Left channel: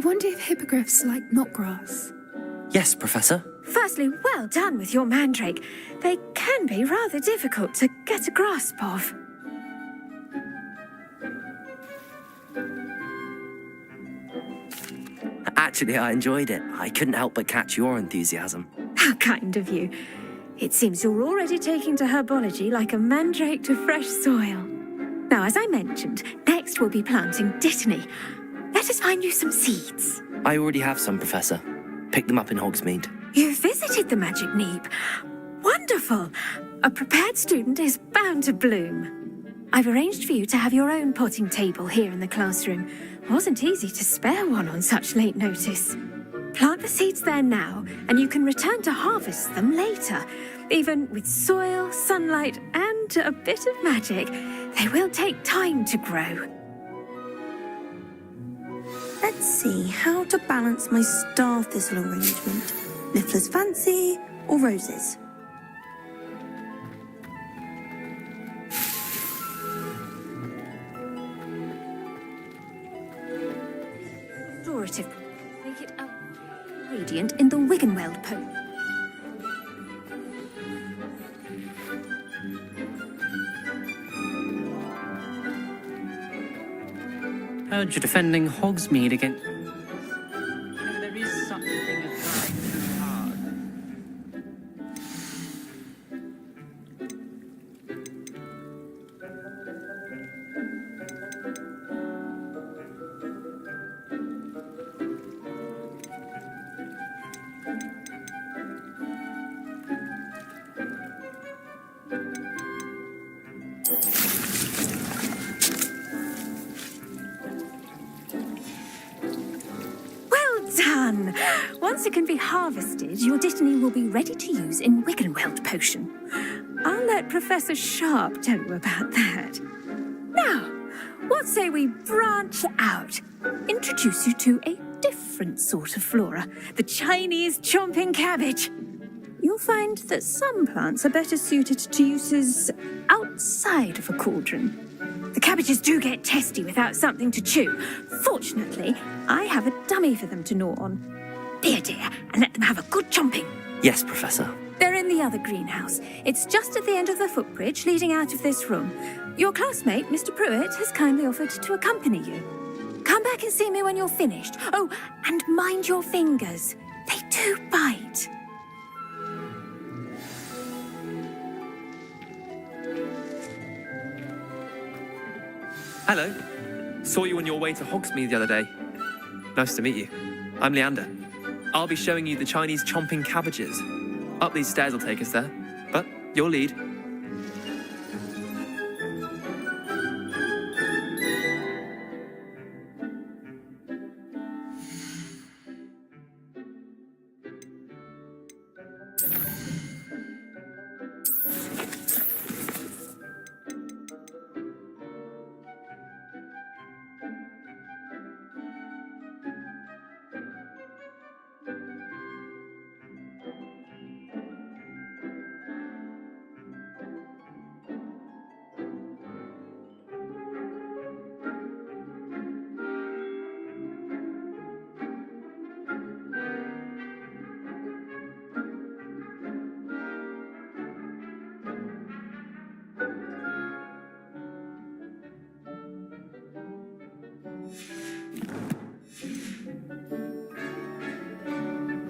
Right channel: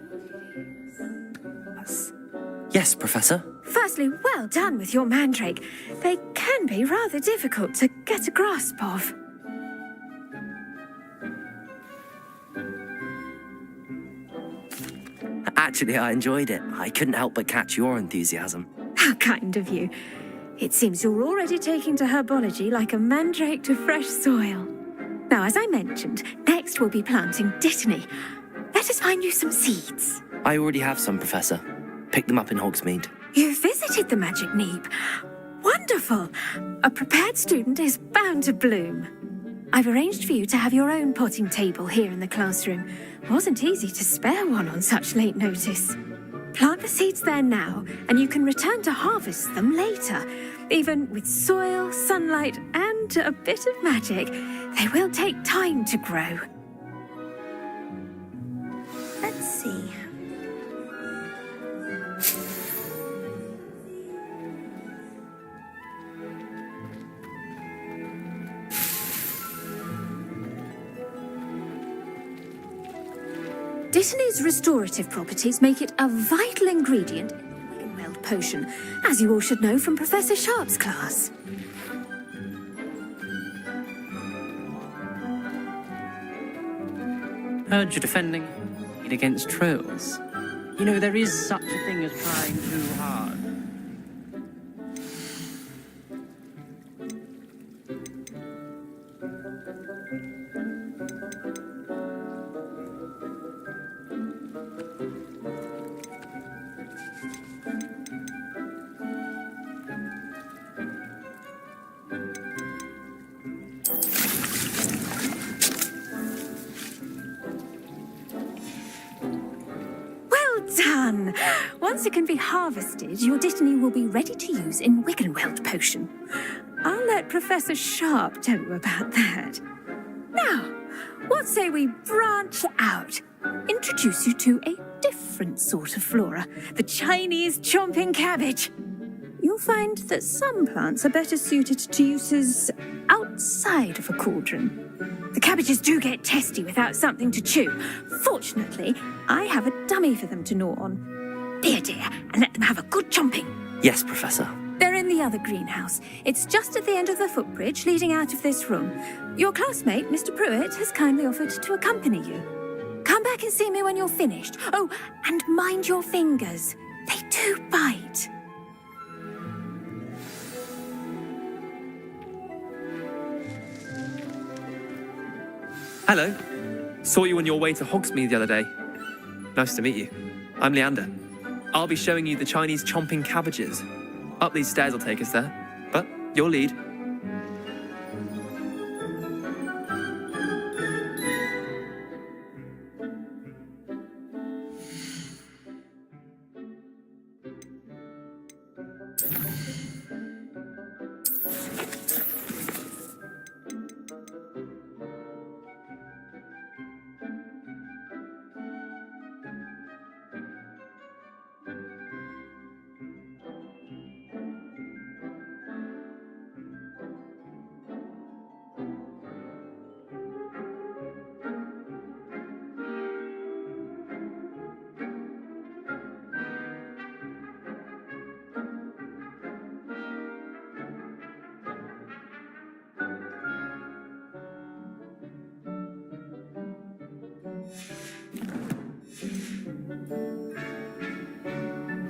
wonder if hippogriffs like knotgrass. Yes, Professor. Firstly, well done with your mandrake. They can be rather difficult to get a grasp of. Actually, I enjoyed it. I couldn't help but catch your enthusiasm. How kind of you. It seems you're already taking to herbology like a mandrake to fresh soil. Now, as I mentioned, next we'll be planting dittany. Let us find you some seeds. I already have some, Professor. Picked them up in Hogsmeade. You visited the Magic Neep. Wonderful. A prepared student is bound to bloom. I've arranged for you to have your own potting table here in the classroom. Wasn't easy to spare one on such late notice. Plant the seeds there now, and you can return to harvest them later. Even with soil, sunlight, and a bit of magic, they will take time to grow. Let's see how to balance my star thistle arrangement. Niffler's Fancy or roses? Dittany's restorative properties make it a vital ingredient in the Wiggenweld potion, as you all should know from Professor Sharp's class. Heard you're defending Hogsmeade against trolls. You know, there is such a thing as trying too hard. Done! Once it can be harvested, your dittany will be ready to use in Wiggenweld potion. I'll let Professor Sharp tell you about that. Now, what say we branch out? Introduce you to a different sort of flora, the Chinese chomping cabbage. You'll find that some plants are better suited to uses outside of a cauldron. The cabbages do get testy without something to chew. Fortunately, I have a dummy for them to gnaw on. Be a dear and let them have a good chomping. Yes, Professor. They're in the other greenhouse. It's just at the end of the footbridge leading out of this room. Your classmate, Mr. Pruitt, has kindly offered to accompany you. Come back and see me when you're finished. Oh, and mind your fingers. They do bite. Hello. Saw you on your way to Hogsmeade the other day. Nice to meet you. I'm Leander. I'll be showing you the Chinese chomping cabbages. Up these stairs will take us there, but your lead.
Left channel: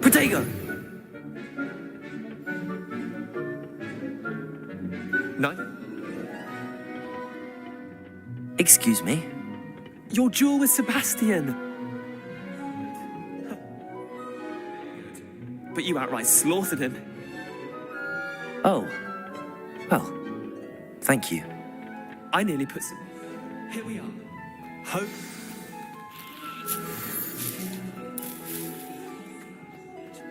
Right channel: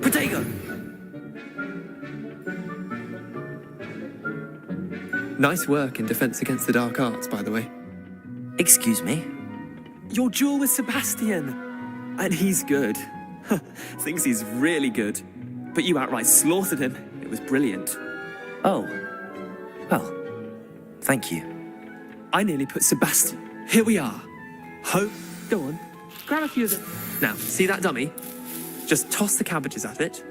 Potato! Nice work in Defense Against the Dark Arts, by the way. Excuse me? Your duel with Sebastian! And he's good. Thinks he's really good. But you outright slaughtered him. It was brilliant. Oh. Well, thank you. I nearly put Sebastian. Here we are. Hope. Go on. Grab a few of them. Now, see that dummy? Just toss the cabbages at it.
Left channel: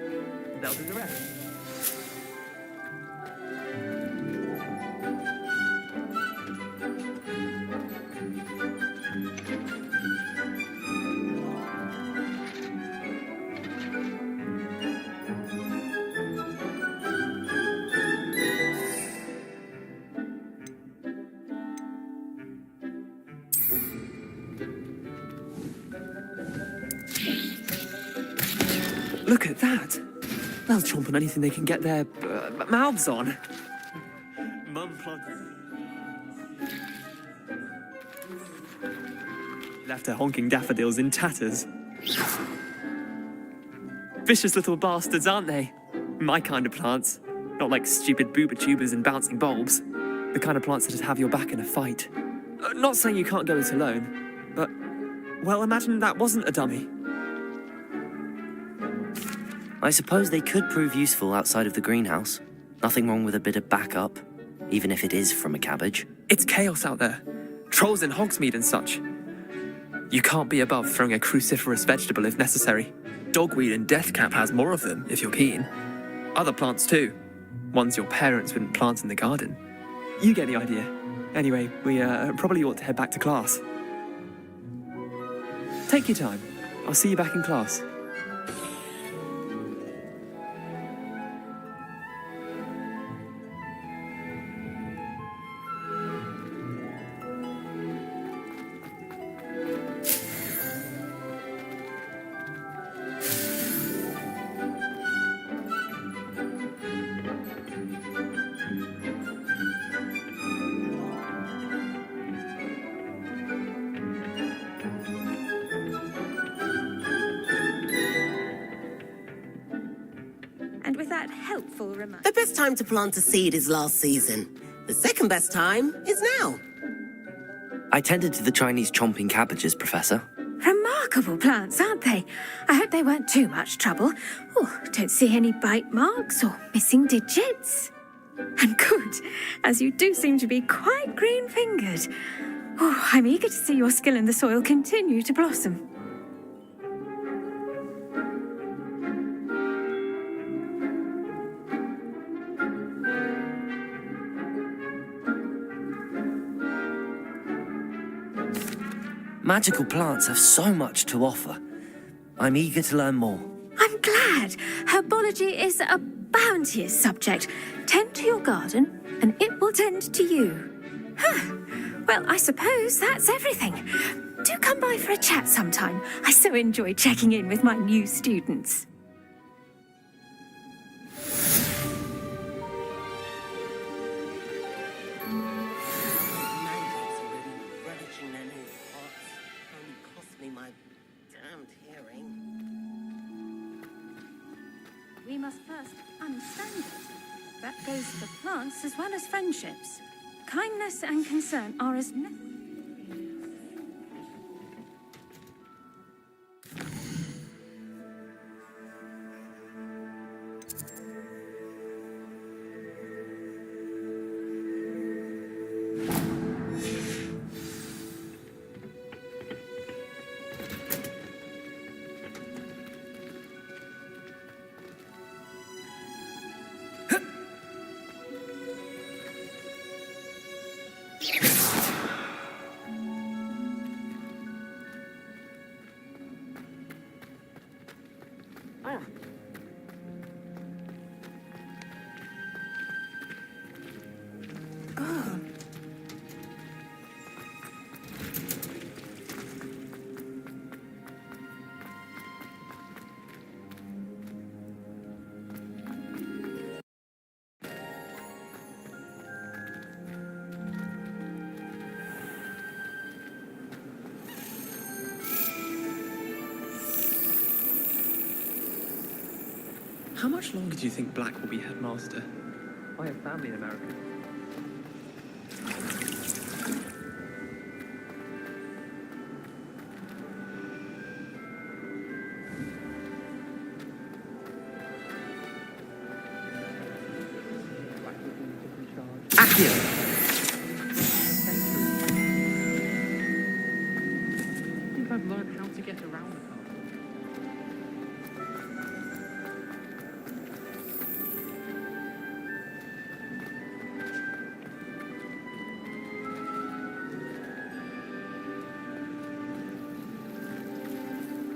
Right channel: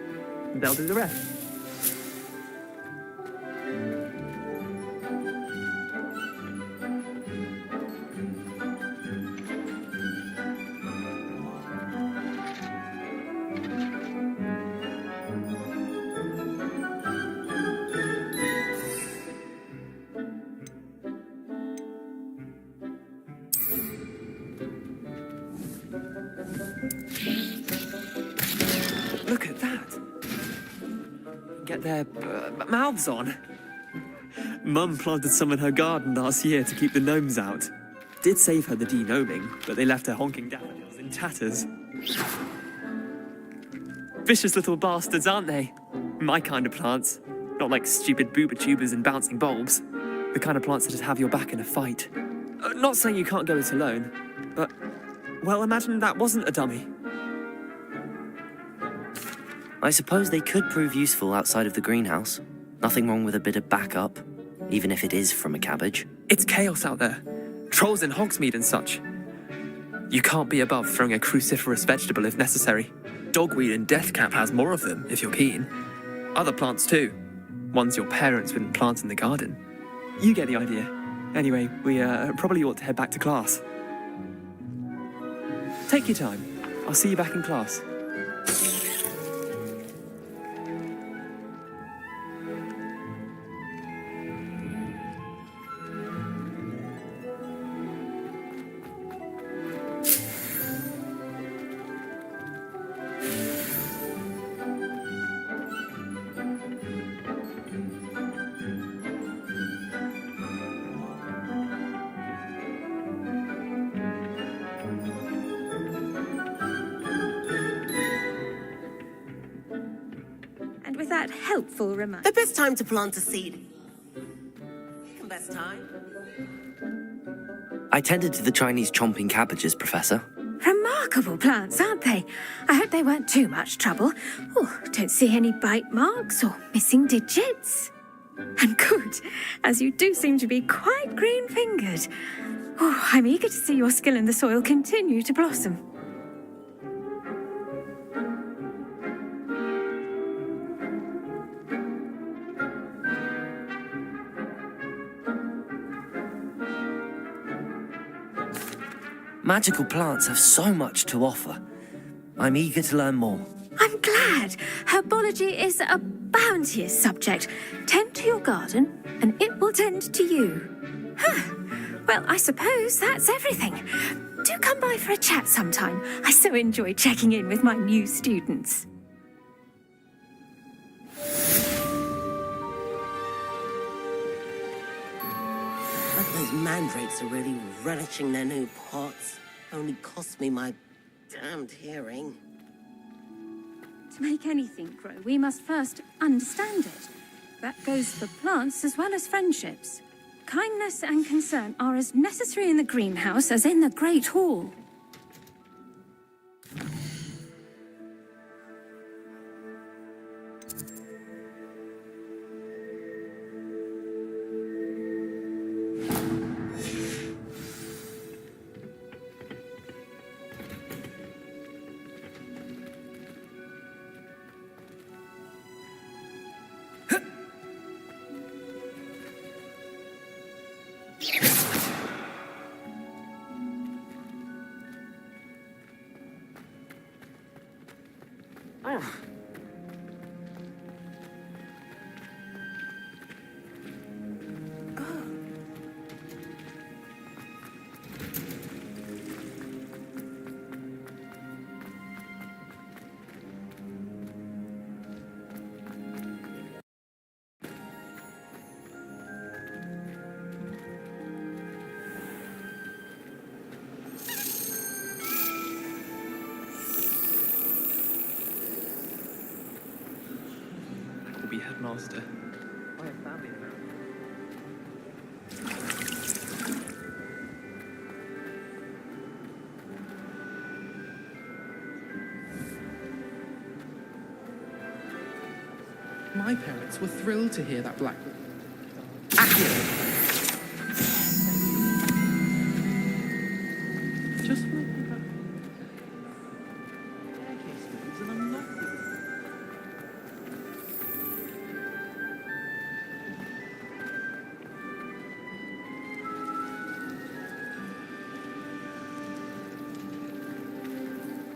And they'll do the rest. Look at that. They'll chomp on anything they can get their mouths on. Mum planted some in her garden last year to keep the gnomes out. Did save her the de-gnoming, but they left her honking daffodils in tatters. Vicious little bastards, aren't they? My kind of plants. Not like stupid booba tubers and bouncing bulbs. The kind of plants that'd have your back in a fight. Not saying you can't go it alone, but, well, imagine that wasn't a dummy. I suppose they could prove useful outside of the greenhouse. Nothing wrong with a bit of backup, even if it is from a cabbage. It's chaos out there. Trolls in Hogsmeade and such. You can't be above throwing a cruciferous vegetable if necessary. Dogweed and deathcap has more of them, if you're keen. Other plants too. Ones your parents wouldn't plant in the garden. You get the idea. Anyway, we probably ought to head back to class. Take your time. I'll see you back in class. And with that helpful reminder... The best time to plant a seed is last season. The second best time is now. I tended to the Chinese chomping cabbages, Professor. Remarkable plants, aren't they? I hope they weren't too much trouble. Oh, don't see any bite marks or missing digits. And good, as you do seem to be quite green-fingered. Oh, I'm eager to see your skill in the soil continue to blossom. Magical plants have so much to offer. I'm eager to learn more. I'm glad. Herbology is a bounteous subject. Tend to your garden, and it will tend to you. Huh. Well, I suppose that's everything. Do come by for a chat sometime. I so enjoy checking in with my new students. Those mandrakes are really relishing their new pots. Only cost me my damned hearing. To make anything grow, we must first understand it. That goes for plants as well as friendships. Kindness and concern are as necessary in the greenhouse as in the Great Hall. How much longer do you think Black will be headmaster? I have family in America. My parents were thrilled to hear that Black would be in charge. Just when I think I've learned how to get around.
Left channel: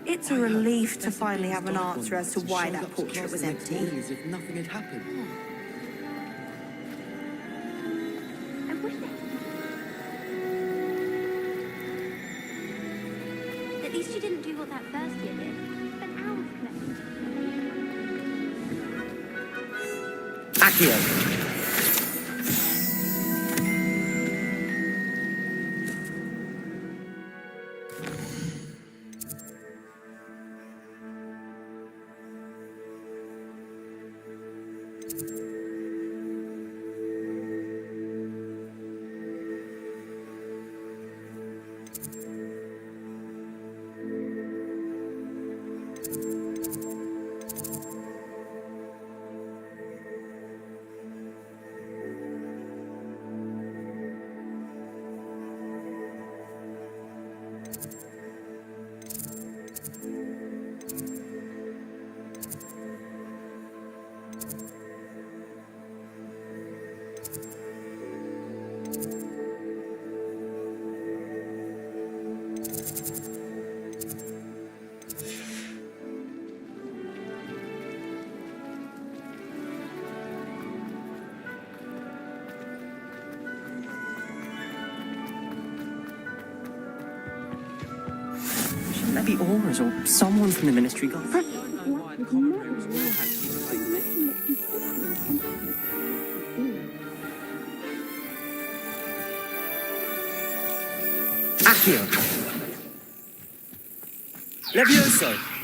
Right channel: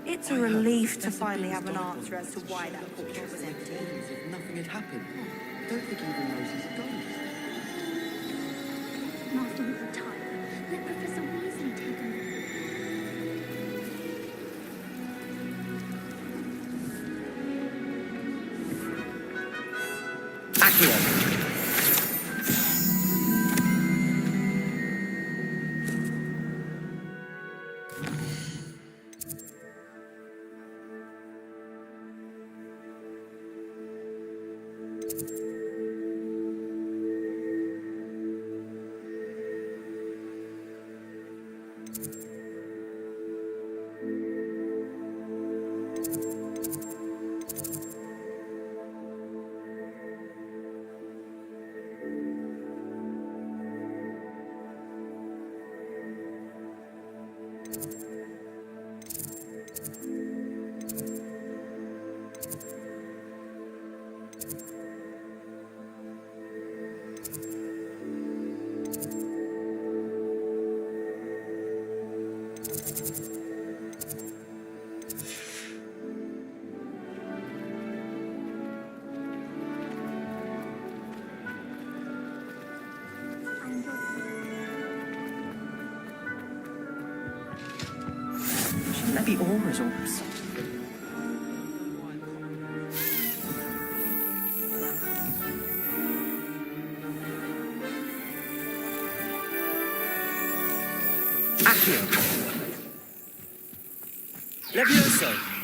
It's a relief to finally have an answer as to why that portrait was empty. As if nothing had happened. Don't think anyone knows At least you didn't do what that first did. But how? Accio. Shouldn't there be auras or someone from the ministry got? I don't know why the common rooms all had Accio. Levioso.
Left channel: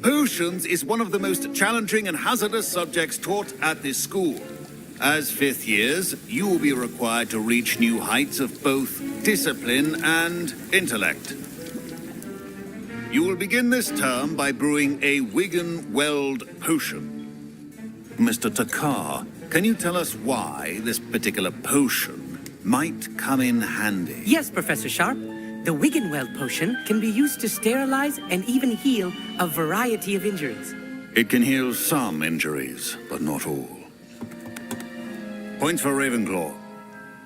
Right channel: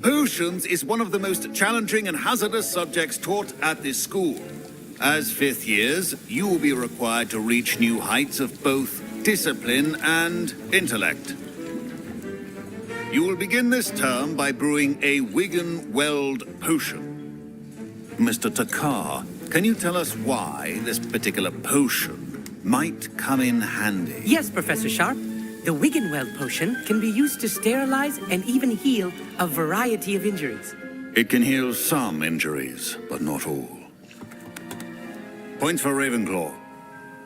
Potions is one of the most challenging and hazardous subjects taught at this school. As fifth years, you will be required to reach new heights of both discipline and intellect. You will begin this term by brewing a Wigan Weld potion. Mr. Takar, can you tell us why this particular potion might come in handy? Yes, Professor Sharp. The Wiggenweld potion can be used to sterilize and even heal a variety of injuries. It can heal some injuries, but not all. Points for Ravenclaw.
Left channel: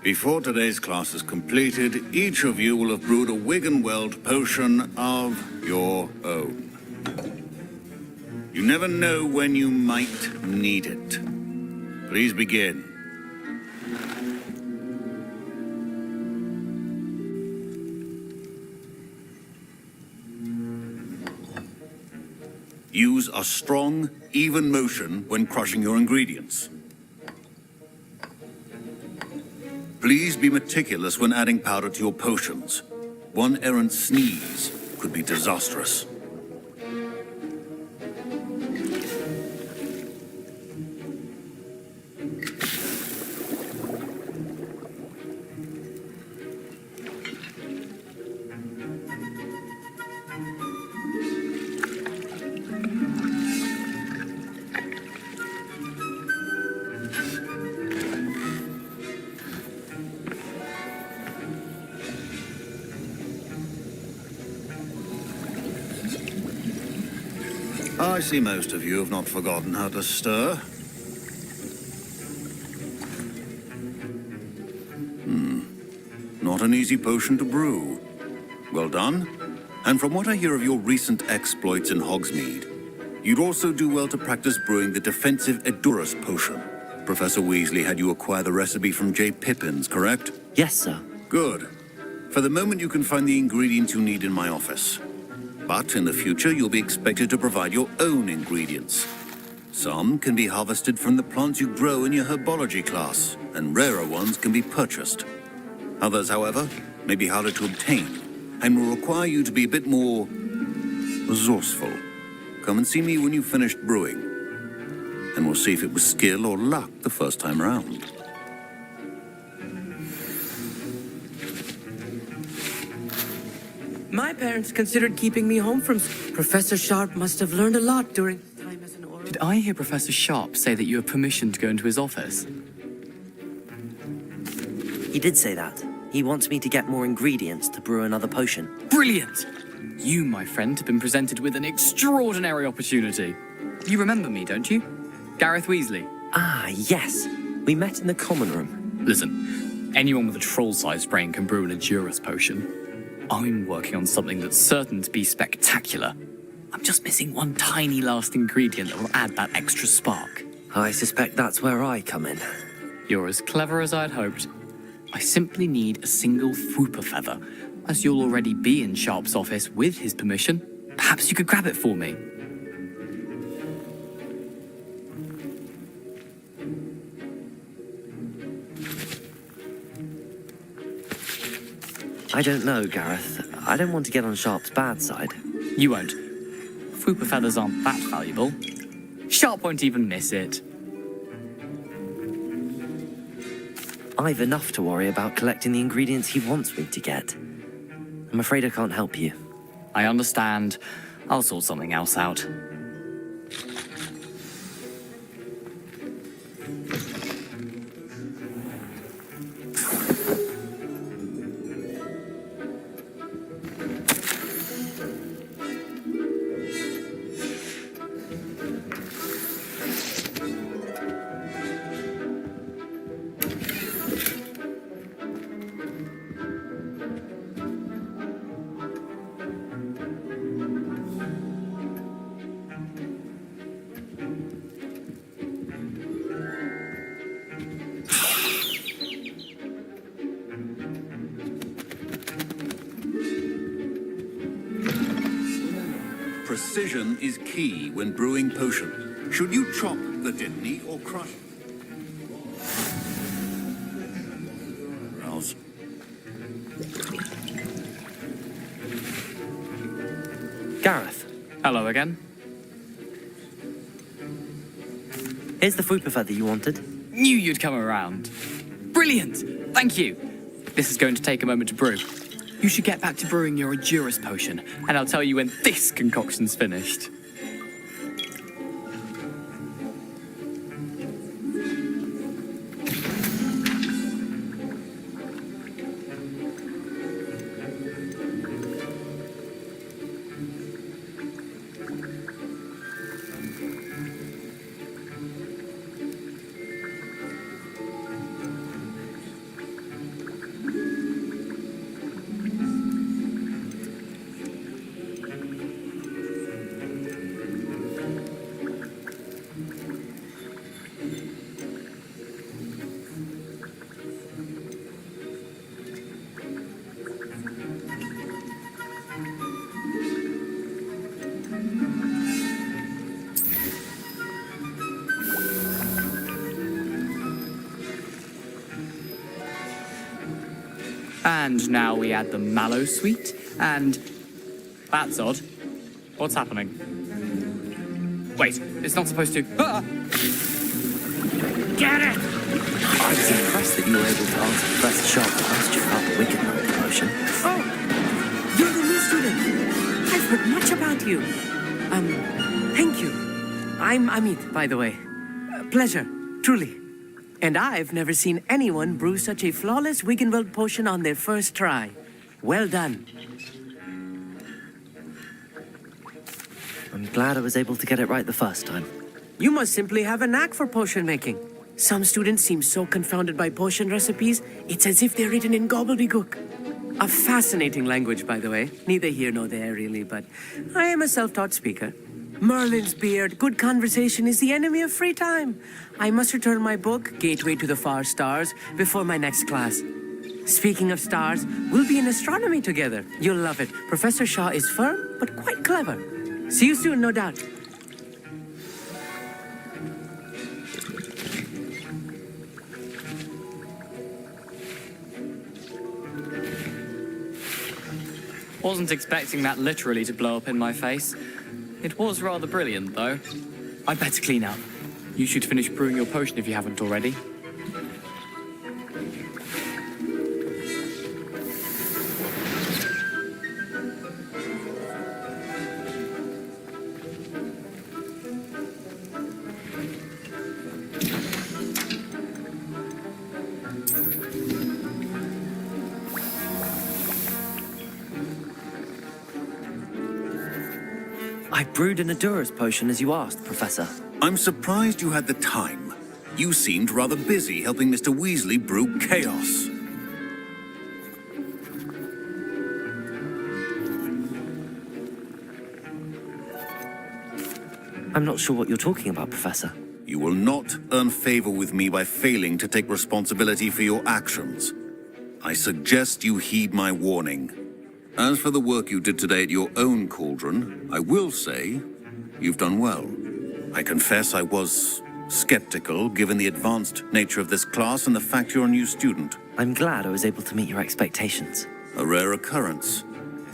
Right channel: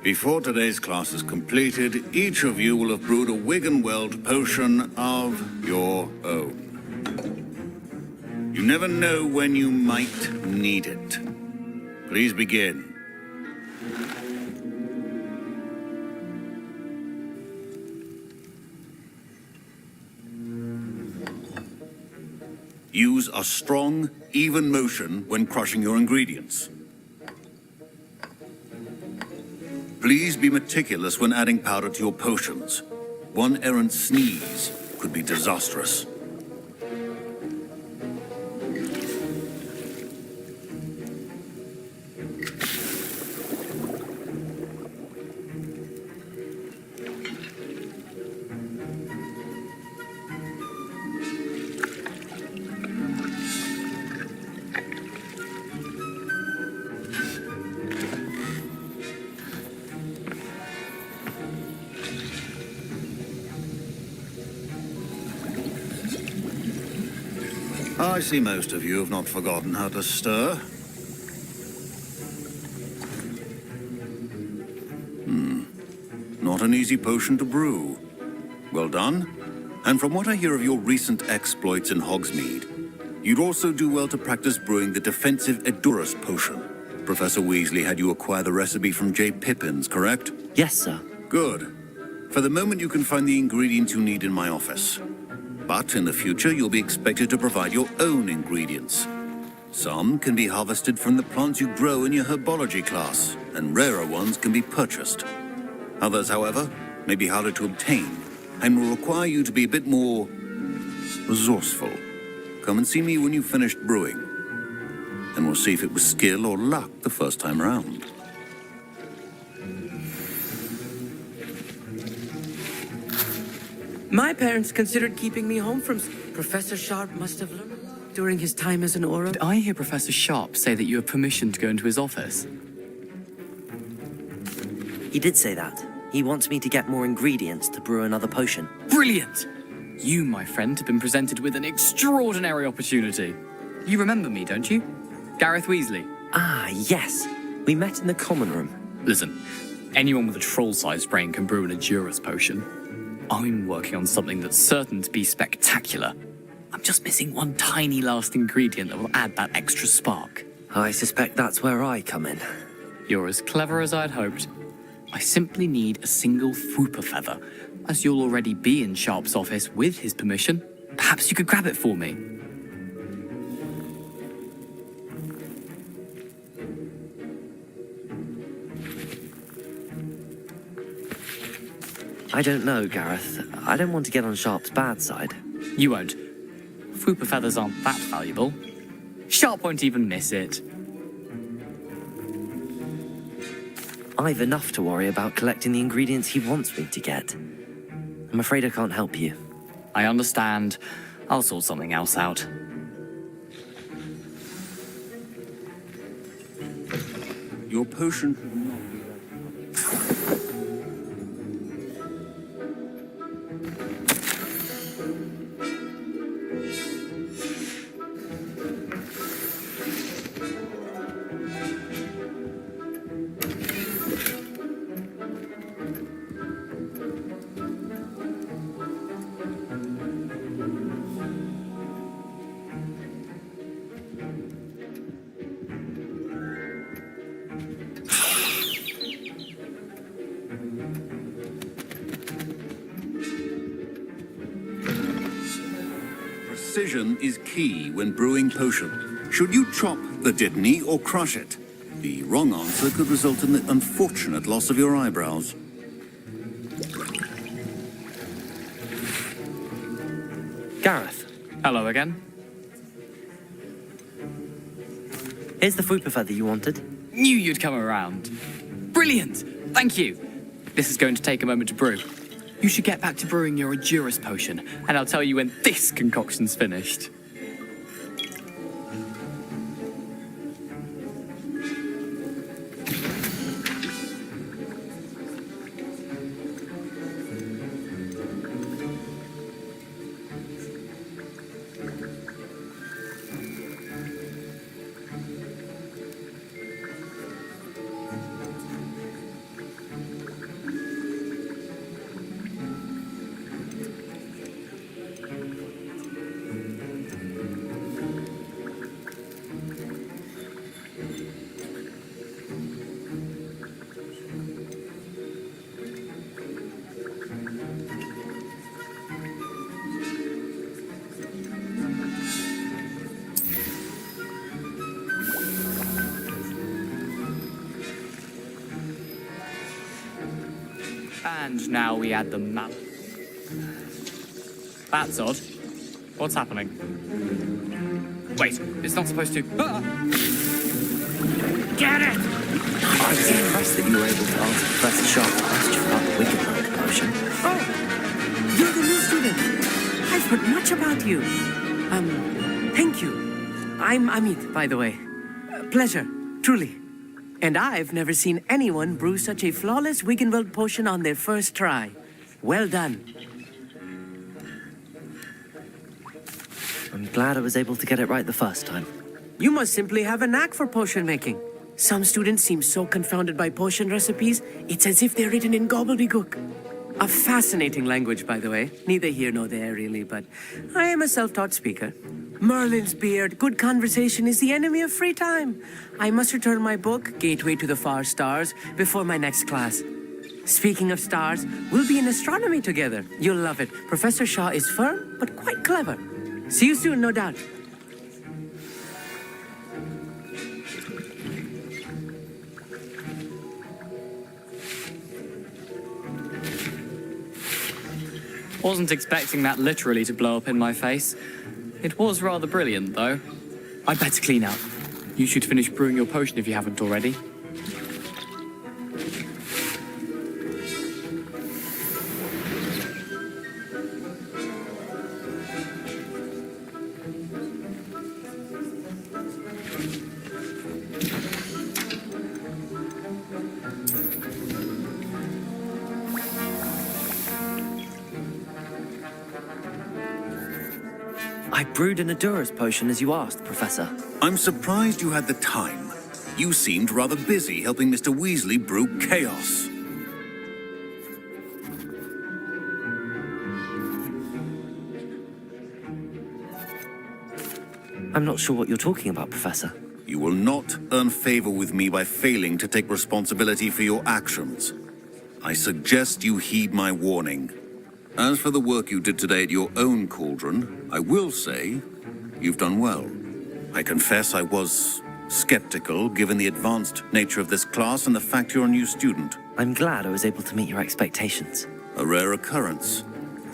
Before today's class is completed, each of you will have brewed a Wiggenweld potion of your own. You never know when you might need it. Please begin. Use a strong, even motion when crushing your ingredients. Please be meticulous when adding powder to your potions. One errant sneeze could be disastrous. I see most of you have not forgotten how to stir. Not an easy potion to brew. Well done. And from what I hear of your recent exploits in Hogsmeade, you'd also do well to practice brewing the defensive Edurus potion. Professor Weasley had you acquire the recipe from J. Pippin's, correct? Yes, sir. Good. For the moment, you can find the ingredients you need in my office. But in the future, you'll be expected to provide your own ingredients. Some can be harvested from the plants you grow in your herbology class, and rarer ones can be purchased. Others, however, may be harder to obtain, and will require you to be a bit more resourceful. Come and see me when you've finished brewing, and we'll see if it was skill or luck the first time round. My parents considered keeping me home from... Professor Sharp must have learned a lot during his time as an Aura. Did I hear Professor Sharp say that you have permission to go into his office? He did say that. He wants me to get more ingredients to brew another potion. Brilliant! You, my friend, have been presented with an extraordinary opportunity. You remember me, don't you? Gareth Weasley. Ah, yes. We met in the common room. Listen, anyone with a troll-sized brain can brew an Adurus potion. I'm working on something that's certain to be spectacular. I'm just missing one tiny last ingredient that will add that extra spark. I suspect that's where I come in. You're as clever as I'd hoped. I simply need a single Fwooper feather. As you'll already be in Sharp's office with his permission, perhaps you could grab it for me. I don't know, Gareth. I don't want to get on Sharp's bad side. You won't. Fwooper feathers aren't that valuable. Sharp won't even miss it. I've enough to worry about collecting the ingredients he wants me to get. I'm afraid I can't help you. I understand. I'll sort something else out. Your potion. Precision is key when brewing potion. Should you chop the dittany or crush it? The wrong answer could result in the unfortunate loss of your eyebrows. Gareth, Hello again. here's the Fwooper feather you wanted. Knew you'd come around. Brilliant! Thank you. This is going to take a moment to brew. You should get back to brewing your Adurus potion, and I'll tell you when this concoction's finished. And now we add the mallow sweet, and... That's odd. What's happening? Wait, it's not supposed to... Ah! Get it! I was impressed that you were able to answer Professor Sharp's question about the Wicked World potion. Oh, you're the new student. I've heard much about you. Thank you. I'm Amit, by the way. Pleasure, truly. And I've never seen anyone brew such a flawless Wiggenweld potion on their first try. Well done. I'm glad I was able to get it right the first time. You must simply have a knack for potion making. Some students seem so confounded by potion recipes, it's as if they're written in gobbledygook. A fascinating language, by the way. Neither here nor there, really, but I am a self-taught speaker. Merlin's beard, good conversation is the enemy of free time. I must return my book, Gateway to the Far Stars, before my next class. Speaking of stars, we'll be in astronomy together. You'll love it. Professor Shaw is firm, but quite clever. See you soon, no doubt. Wasn't expecting that literally to blow up in my face. It was rather brilliant, though. I'd better clean up. You should finish brewing your potion if you haven't already. I brewed an Adura's potion as you asked, Professor. I'm surprised you had the time. You seemed rather busy helping Mr. Weasley brew chaos. I'm not sure what you're talking about, Professor. You will not earn favor with me by failing to take responsibility for your actions. I suggest you heed my warning. As for the work you did today at your own cauldron, I will say you've done well. I confess I was skeptical, given the advanced nature of this class and the fact you're a new student. I'm glad I was able to meet your expectations. A rare occurrence.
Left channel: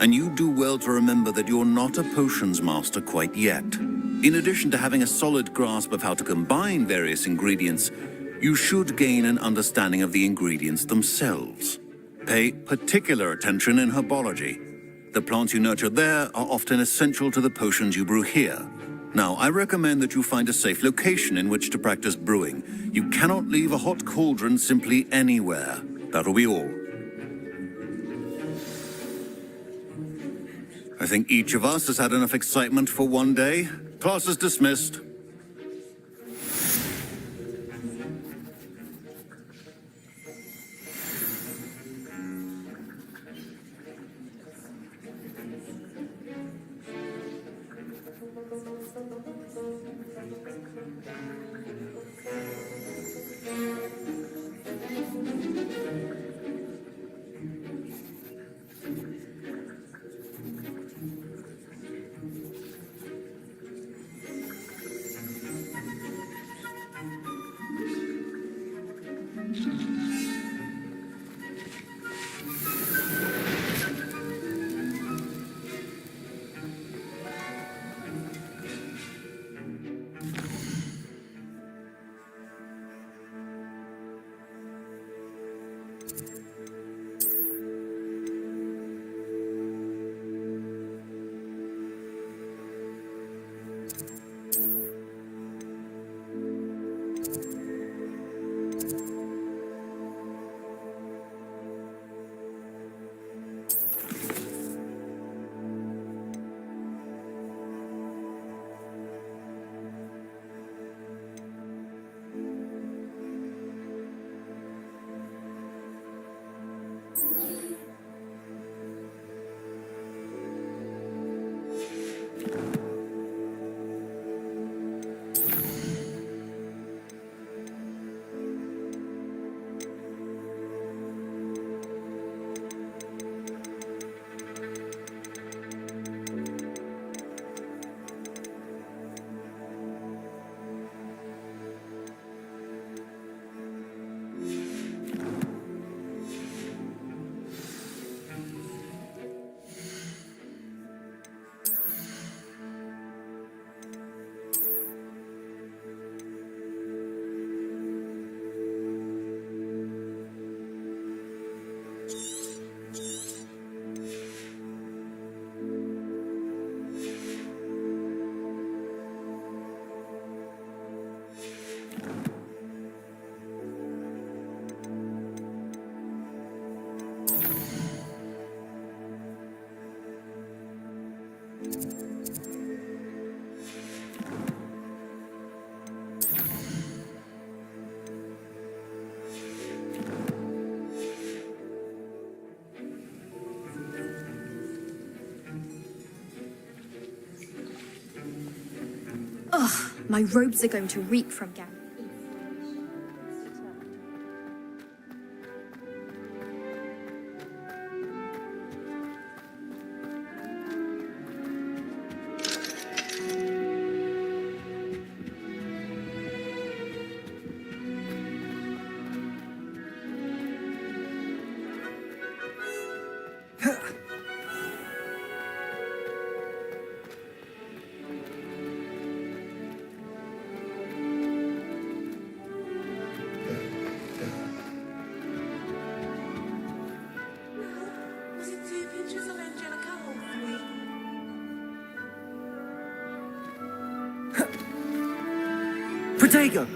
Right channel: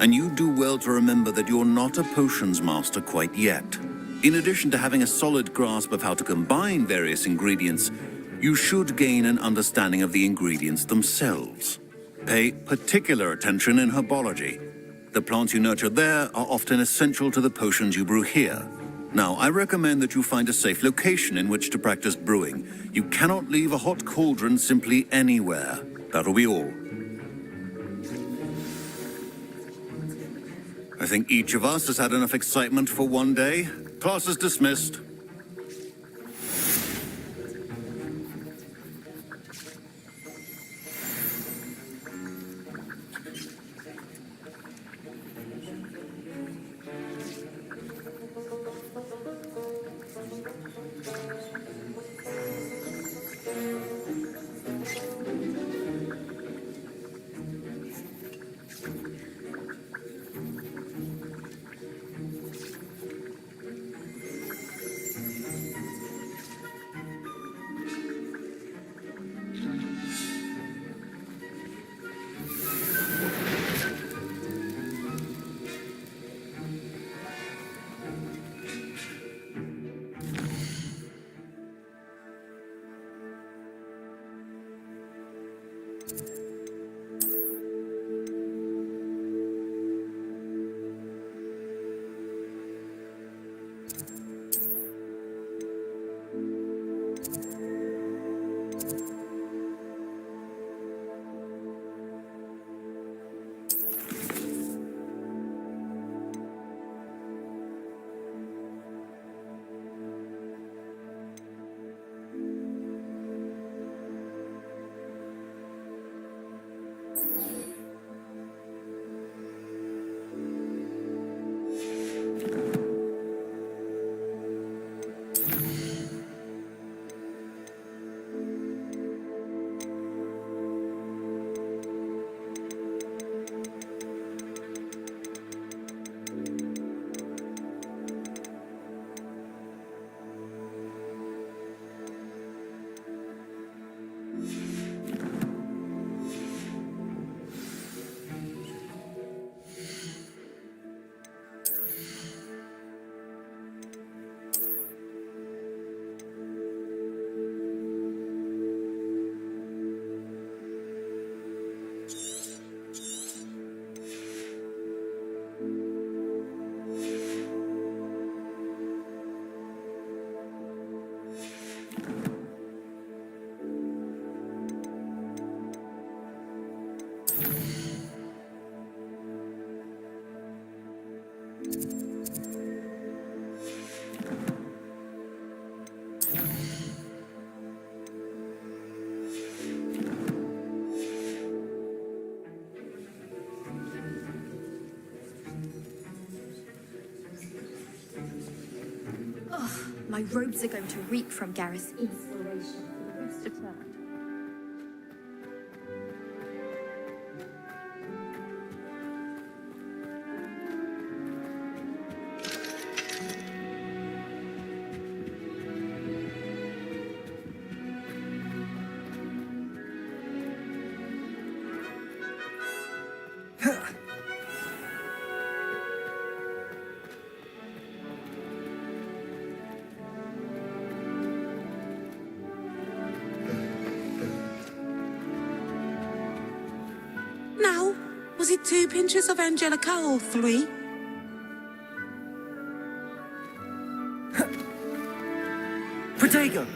And you do well to remember that you're not a potions master quite yet. In addition to having a solid grasp of how to combine various ingredients, you should gain an understanding of the ingredients themselves. Pay particular attention in herbology. The plants you nurture there are often essential to the potions you brew here. Now, I recommend that you find a safe location in which to practice brewing. You cannot leave a hot cauldron simply anywhere. That'll be all. I think each of us has had enough excitement for one day. Class is dismissed. Ugh, my robes are going to reek from Gareth's inspiration. It's determined. With 2 pinches of Angelica or 3? Protego!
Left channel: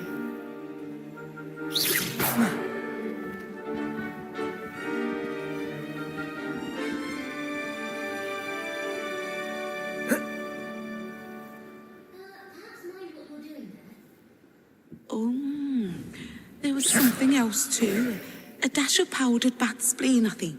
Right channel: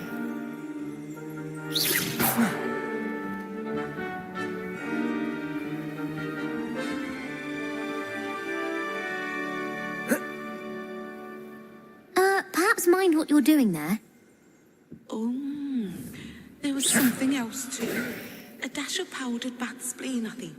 Perhaps mind what you're doing there? Oh, there was something else too. A dash of powdered bat spleen, I think.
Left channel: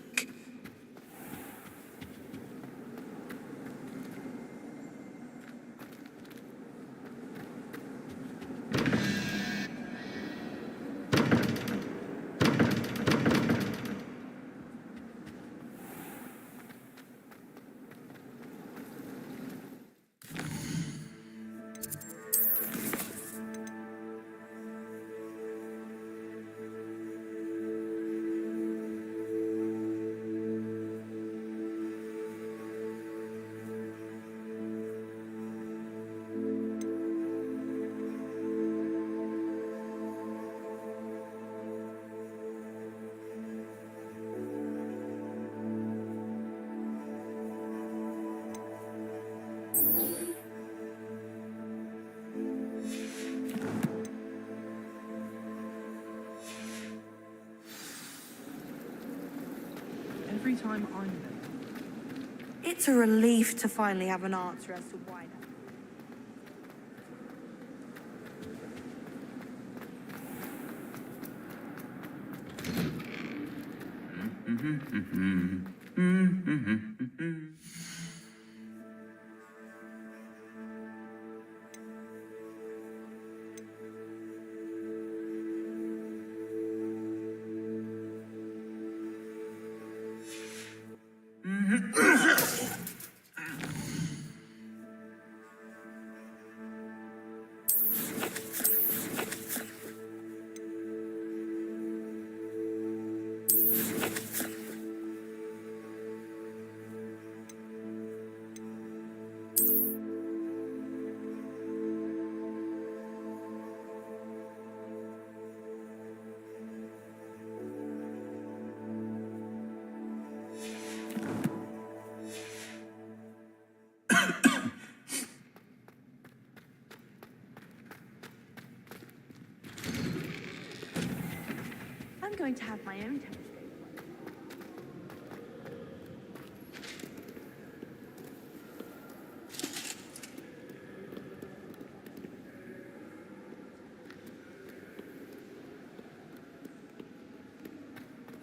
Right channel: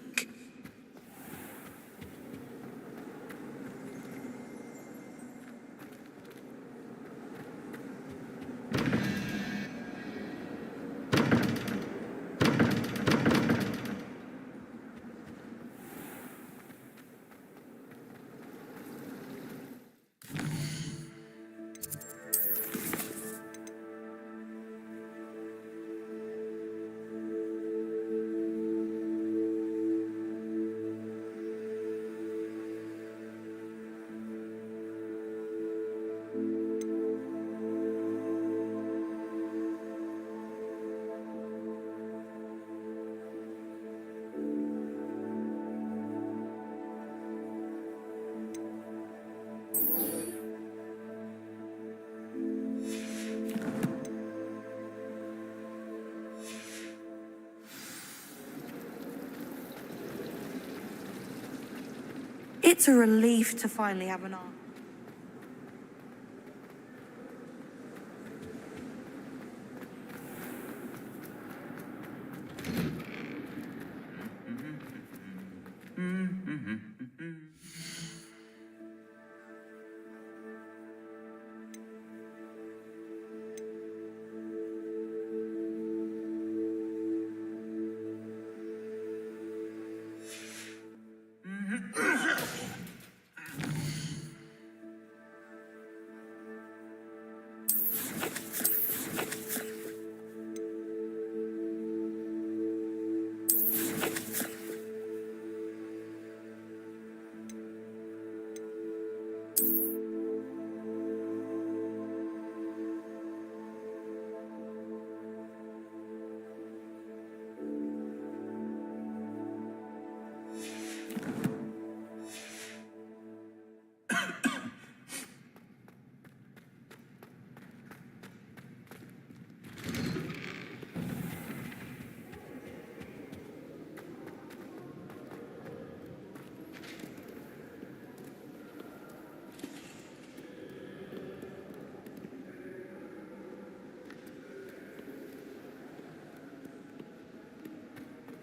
It's a relief to finally have an answer as to why not. I'm going to have my own.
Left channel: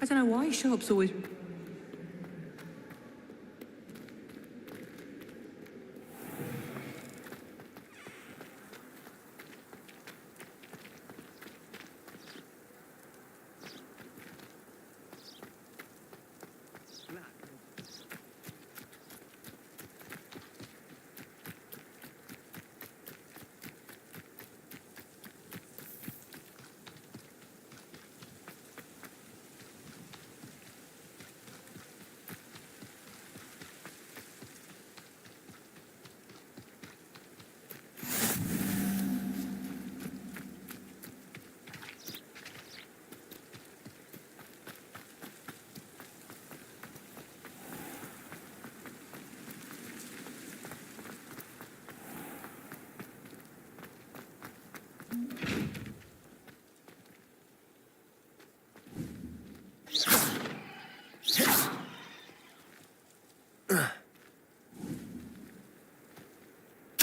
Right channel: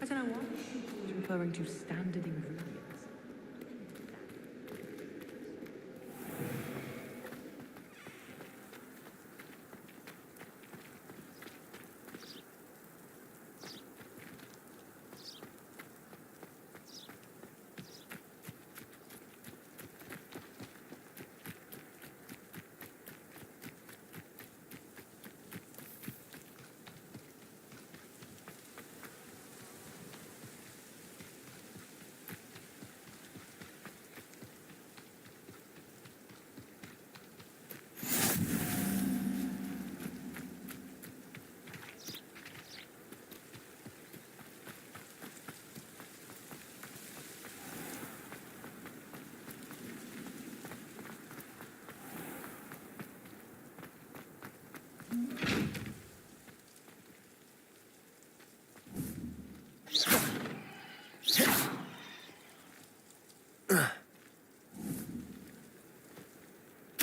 I don't know why Sharp's always referring to standard ingredients.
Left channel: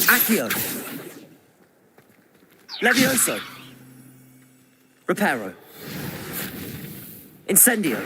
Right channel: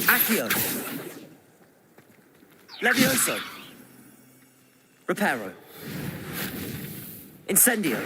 Accio! Levioso! Reparo! Incendio!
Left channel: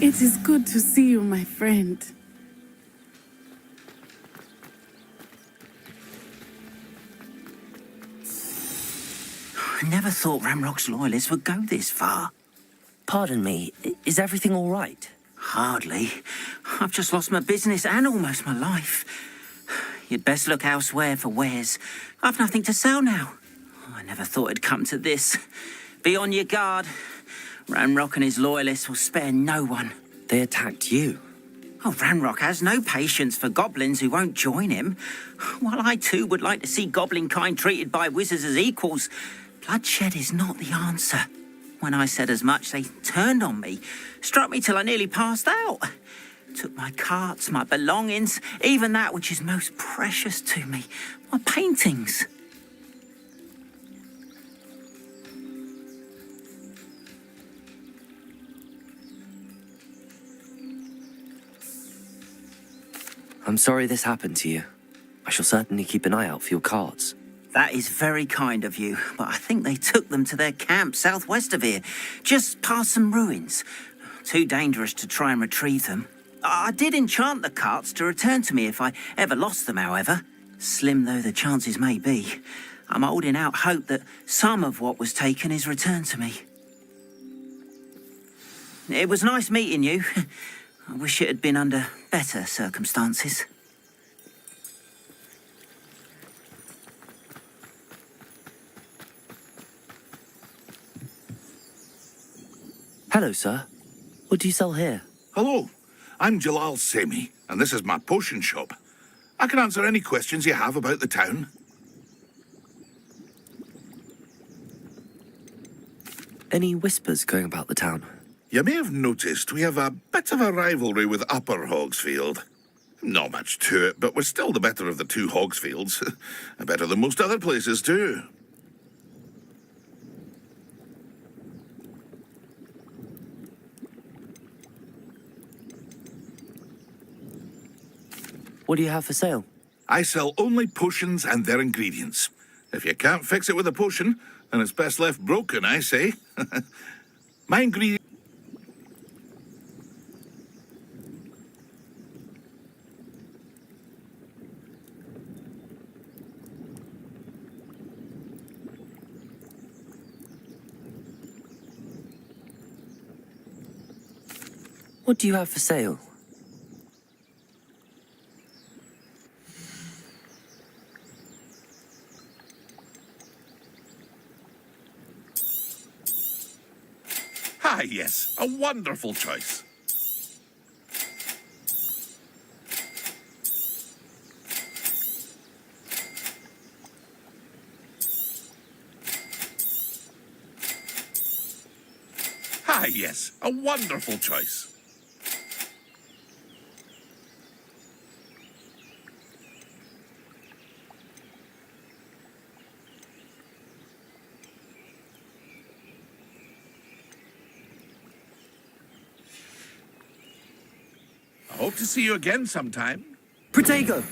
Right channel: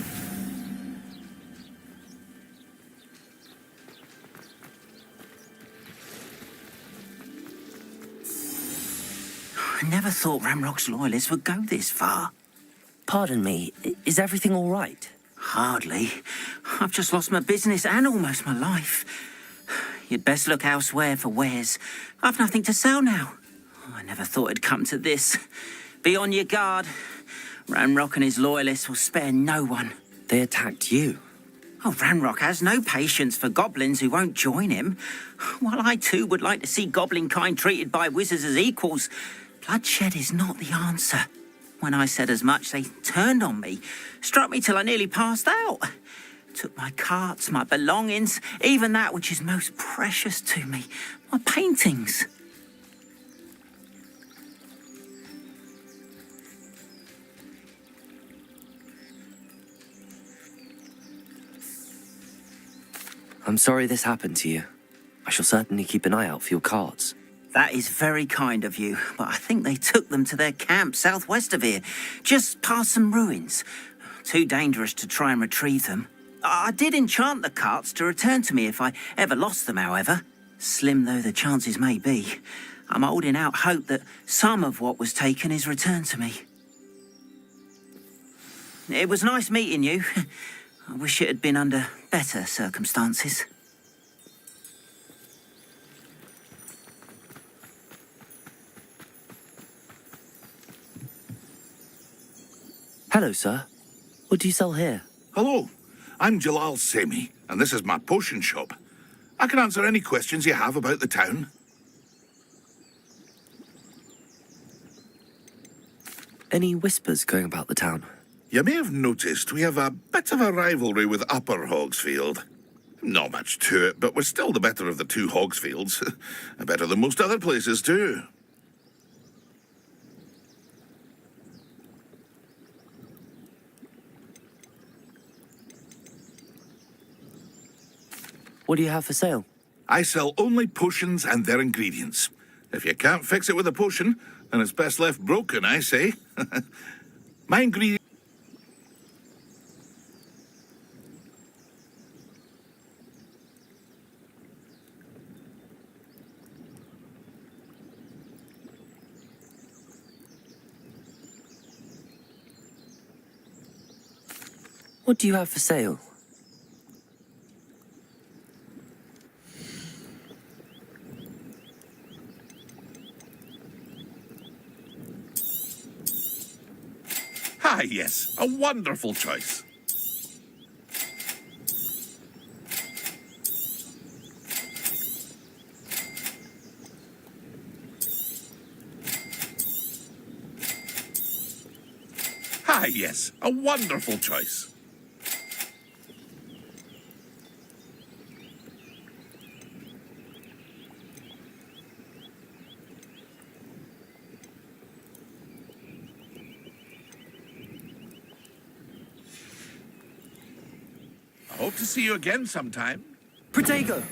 It is good to see you, my friend. I never thought Ramrock's loyalists would go this far. Pardon me, is everything all right? Hardly. I've just lost my business and almost my life. You'd best look elsewhere for wares. I've nothing to sell now. I never thought it'd come to this. Be on your guard. Ramrock and his loyalists will spare no one. They attacked you? Oh, Ramrock has no patience for goblins who won't join him. While I too would like to see goblin kind treated by wizards as equals, bloodshed is not the answer. When I said as much, they turned on me, struck me till I nearly passed out. Took my carts, my belongings, even that which is most precious to me, my paintings. I'm sorry this happened to you. I shall certainly keep an eye out for your cards. That is very kind of you, but I think they took them to their camp southwest of here, just past some ruins. Too dangerous to try and retrieve them. I did enchant the carts to return to me if I ever lost them, however. Slim though the chances may be, I'm holding out hope that some of what was taken is returned to me. It was nice meeting you. I wish it had been under better circumstances. Hello, sir. What do you sell here? Hello, I'm Jalal Semi, and this is my potion shop. I can answer any questions you have about the town. Any whispers going about the town? You may have noticed we have a bit of a rivalry with Upper Hogsfield. Not much to it, but we're still the better of the two Hogsfields. Better than most other places, too. What do you have for sale? I sell only potions and their ingredients. If you can't fix it with a potion, then it's best left broken, I say. My ingredients... What do you have for sale? Ah, yes, a wonderful choice. Ah, yes, a wonderful choice. I hope to see you again sometime. Protego!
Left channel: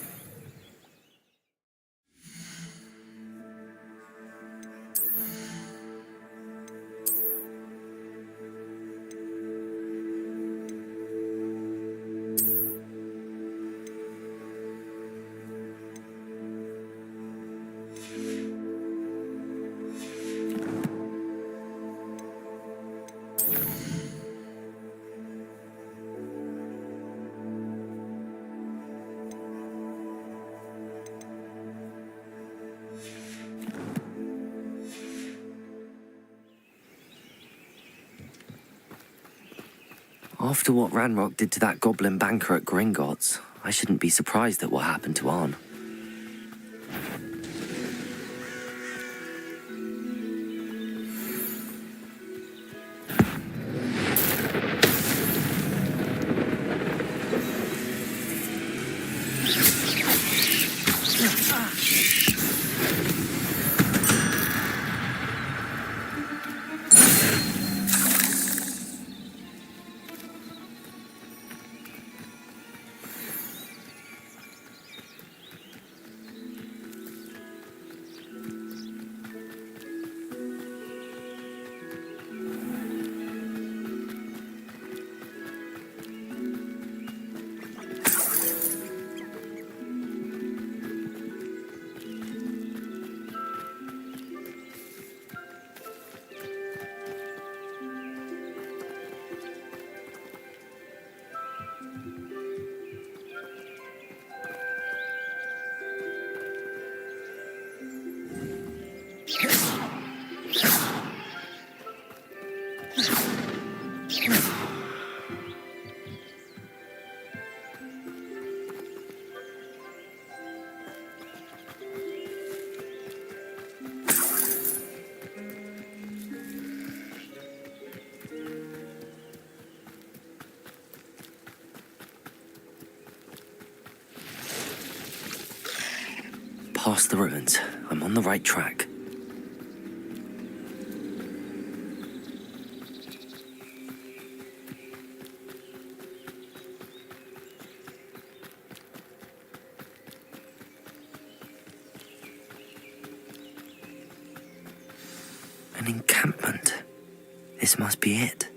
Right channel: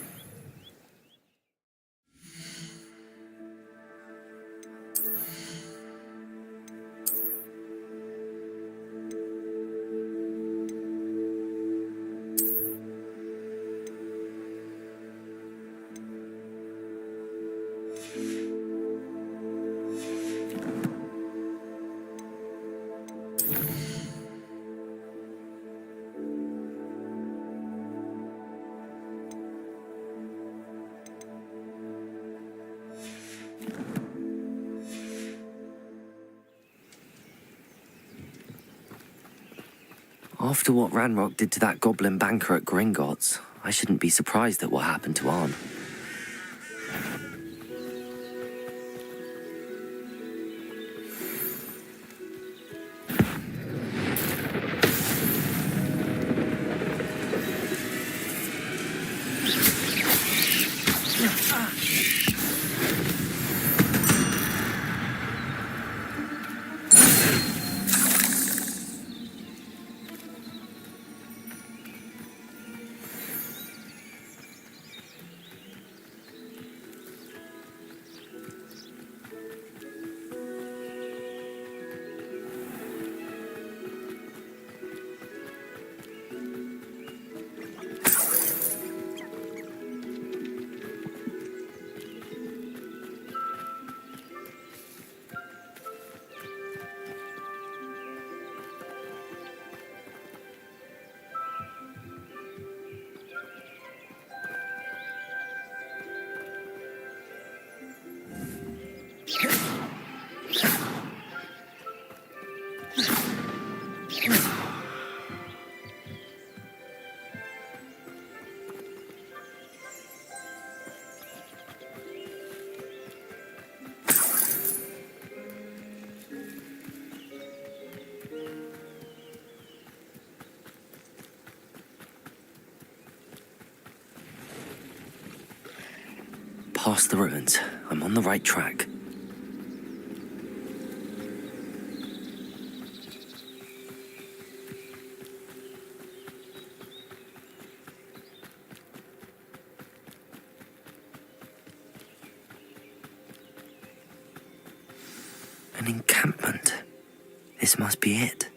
After what Ranrock did to that goblin banker at Gringotts, I shouldn't be surprised at what happened to Arn. Past the ruins. I'm on the right track. An encampment. This must be it.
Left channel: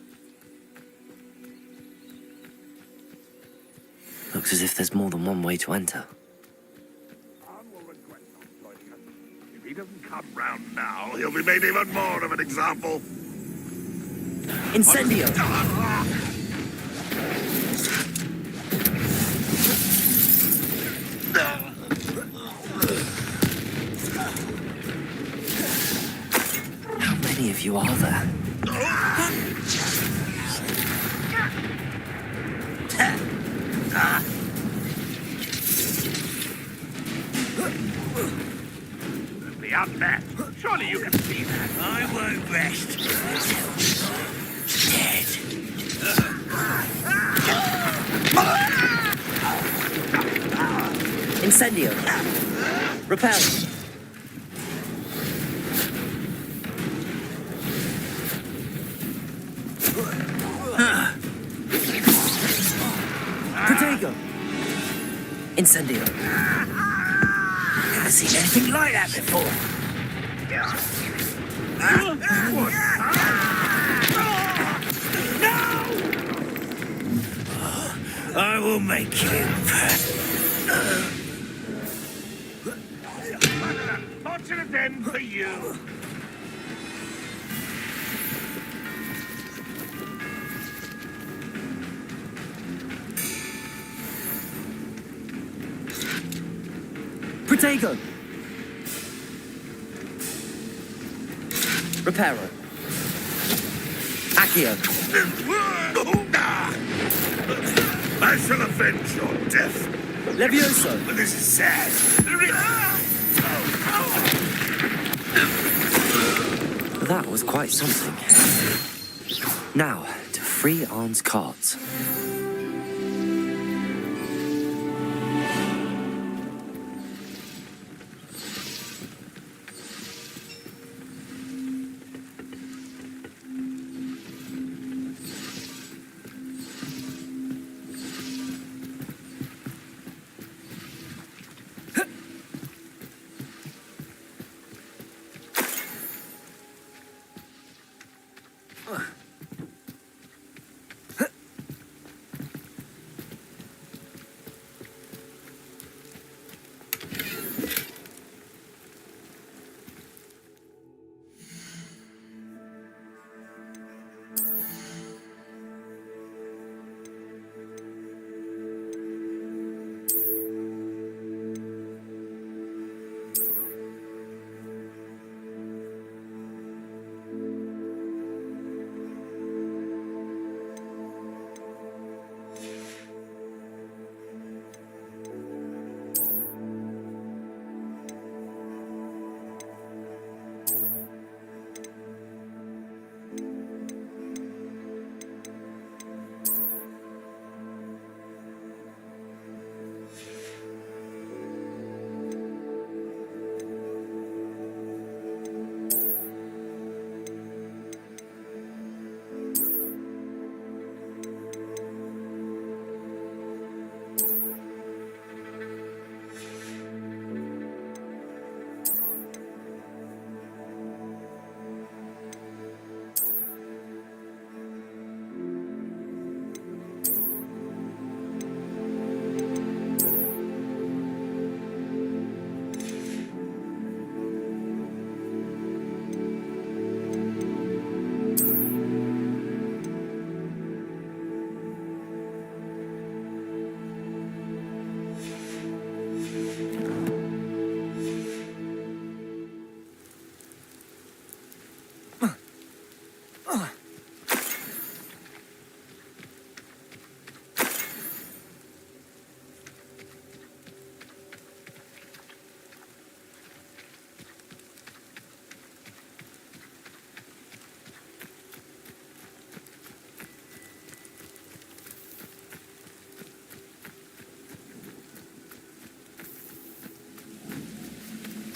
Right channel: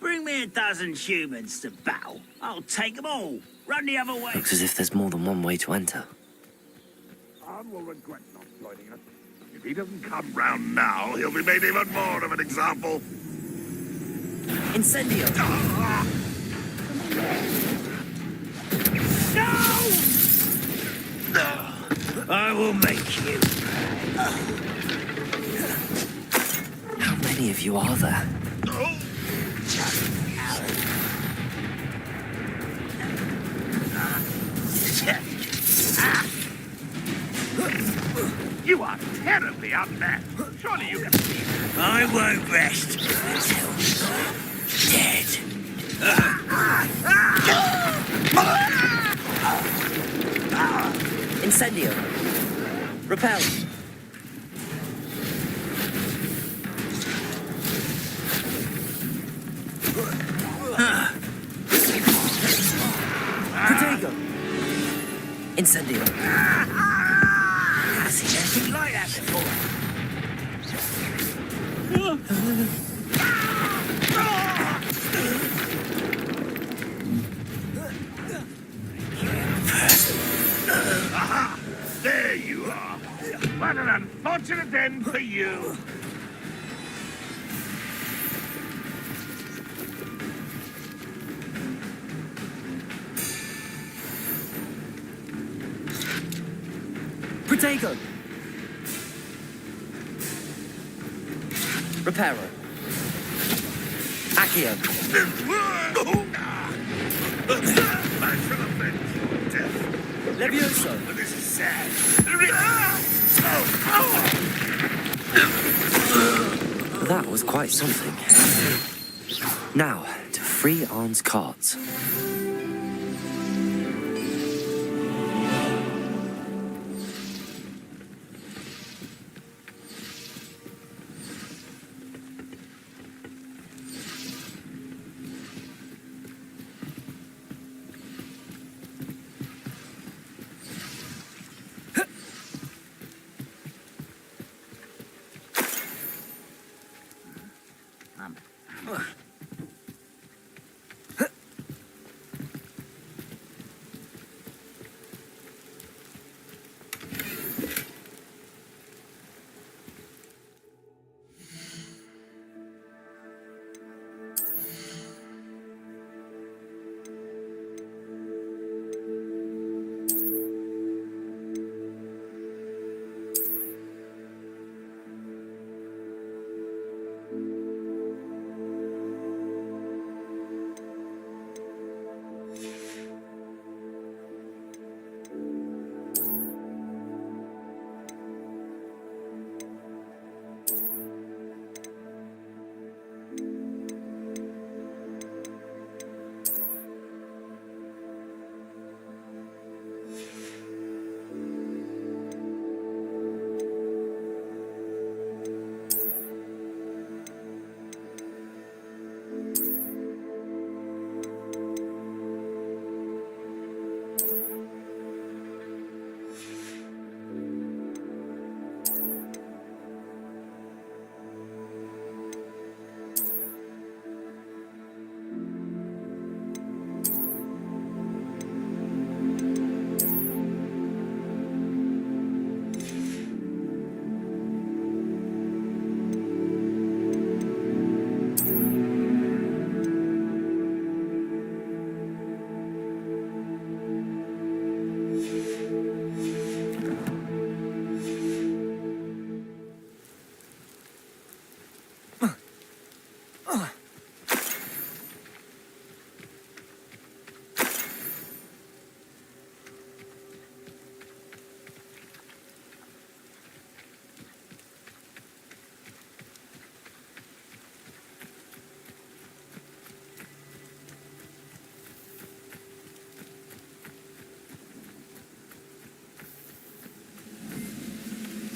Bring me a dozen humans to battle. I'll take them all. Run the other way. Looks as if there's more than one way to enter. Arn will regret not joining us. If he doesn't come round now, he'll be made even more of an example. Incendio! I will make you. How many of you are there? You are terribly unmatched. Surely you can see that. I won't rest until dead. Incendio! Repel! Protego! Incendio! Never seen anything like that before. I will make you. There you are. What an unfortunate end for you. Protego! Reparo. Accio. I shall avenge your death. Levioso. But this is sad. was quite something. Now, to free Arn's carts.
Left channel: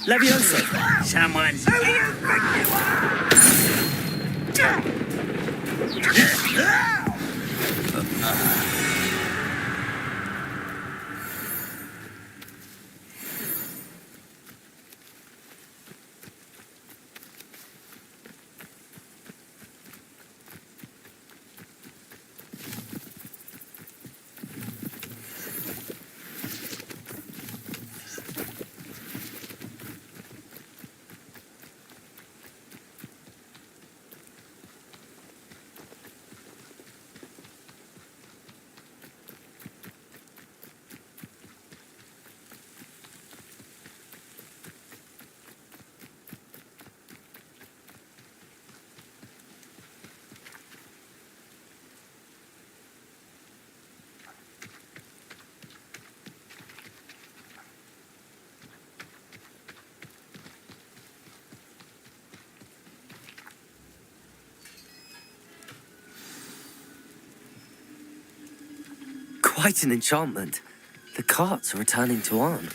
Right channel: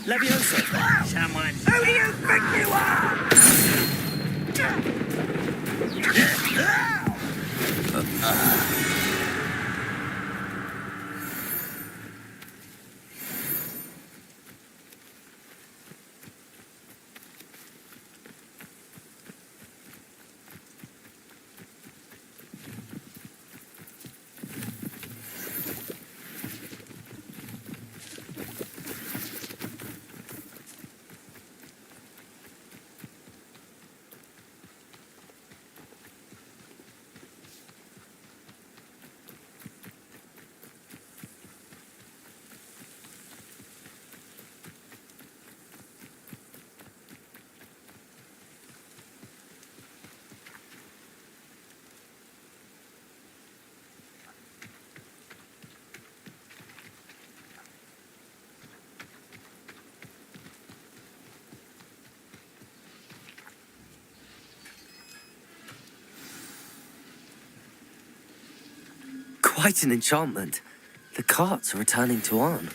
Levioso! Someone's... Who do you think you are? Quite an enchantment. The carts are returning to Arn.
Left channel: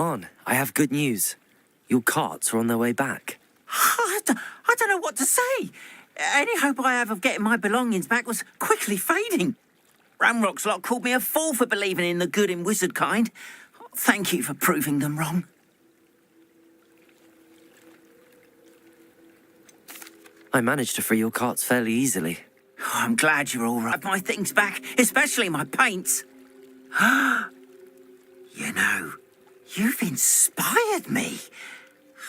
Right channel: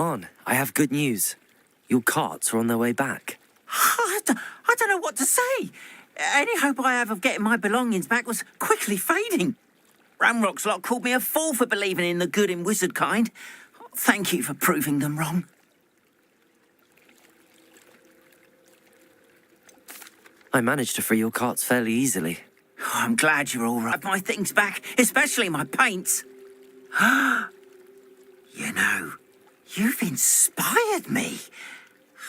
On, I have good news. Your carts are on their way back. I don't know what to say. Any hope I have of getting my belongings back was quickly fading. Ramrock's lot called me a fool for believing in the good in wizard kind. Thank you for proving them wrong. I managed to free your carts fairly easily. Oh, I'm glad you're all right. My things back, especially my paints. You know, you've inspired me.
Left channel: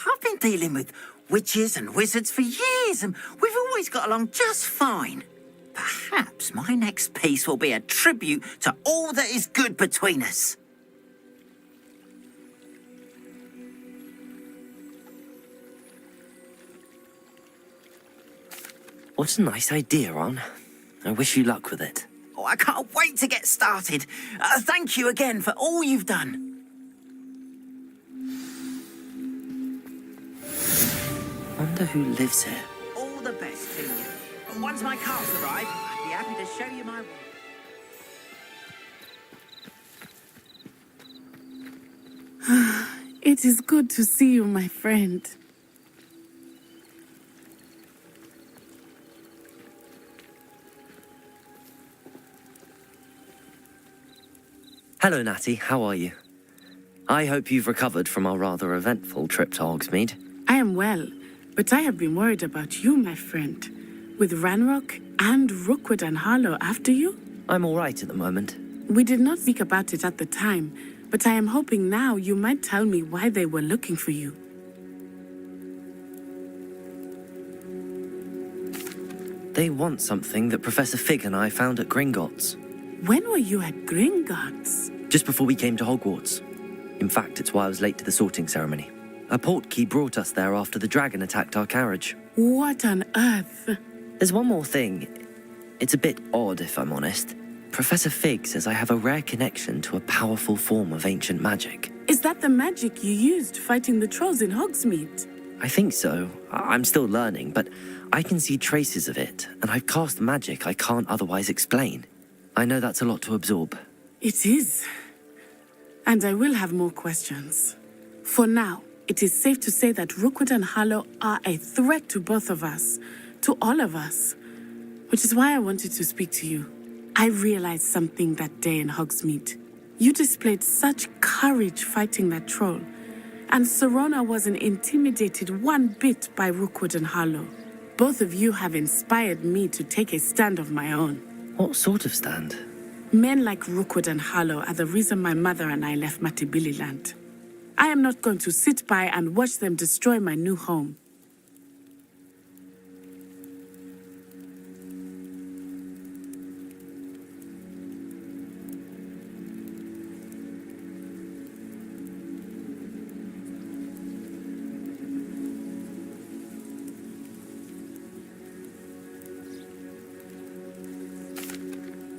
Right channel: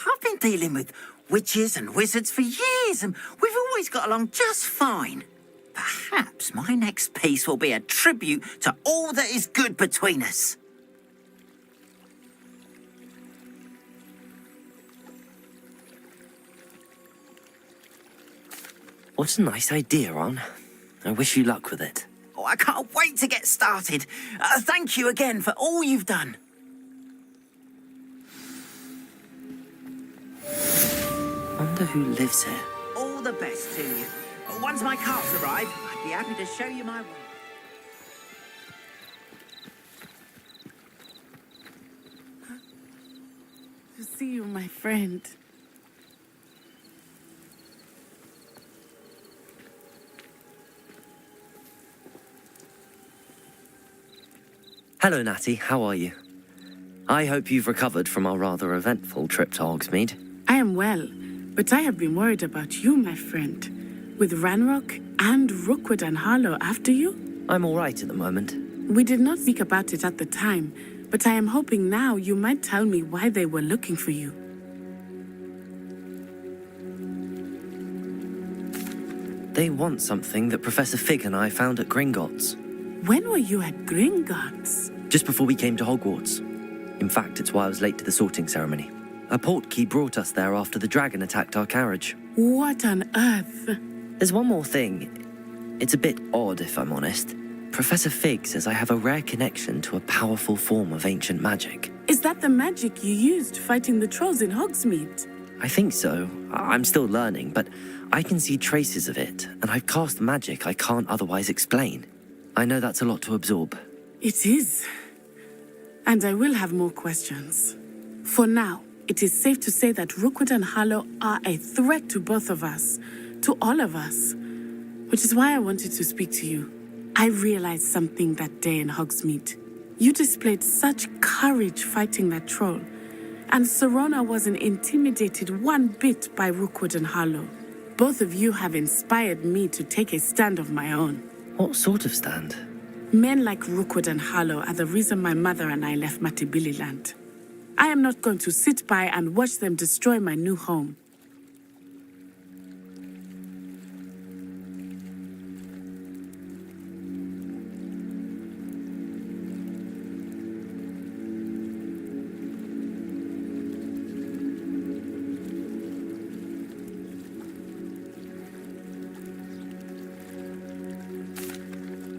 I've been dealing with witches and wizards for years, and we've always got along just fine. Perhaps my next piece will be a tribute to all that is good between us. What a nice idea, Ron. I wish you luck with it. Oh, I can't wait to get started. Thank you again for all you've done. Wonder who lives here. All the best to you. Once my carts arrive, I'd be happy to show you my way. It is good to see you, my friend. Hello, Natty. How are you? I hope you've recovered from our rather eventful trip to Hogsmeade. I am well, but I have been worried about you, my friend. With Ranrock and Rookwood and Harlow after you? I'm all right at the moment. We did not speak about it at the time, but I am hoping now you might tell me why they were looking for you. They want something that Professor Fig and I found at Gringotts. When were you at Gringotts? Just before we came to Hogwarts. In fact, it's why I was late to the sorting ceremony. A portkey brought us there after the dragon attacked our carriage. What on earth? There's one more thing. It's a bit odd, if I'm honest. Professor Fig says I have a rare connection to a powerful form of ancient magic. Is that the magic you used fighting the trolls in Hogsmeade? I think so. I'm still learning, but I can see traces of it, and I've cast magic I can't otherwise explain. I know that's a lot to absorb. It is. And I will have more questions. For now, it is safe to say that Rookwood and Harlow are a threat to both of us, to all of us, which is why I wanted to speak to you. I realized something that day in Hogsmeade. You displayed such courage fighting that troll, and Serona wasn't intimidated one bit by Rookwood and Harlow. Both of you have inspired me to take a stand of my own. What sort of stand? Men like Rookwood and Harlow are the reason my mother and I left Matibililand. I am not going to sit by and watch them destroy my new home.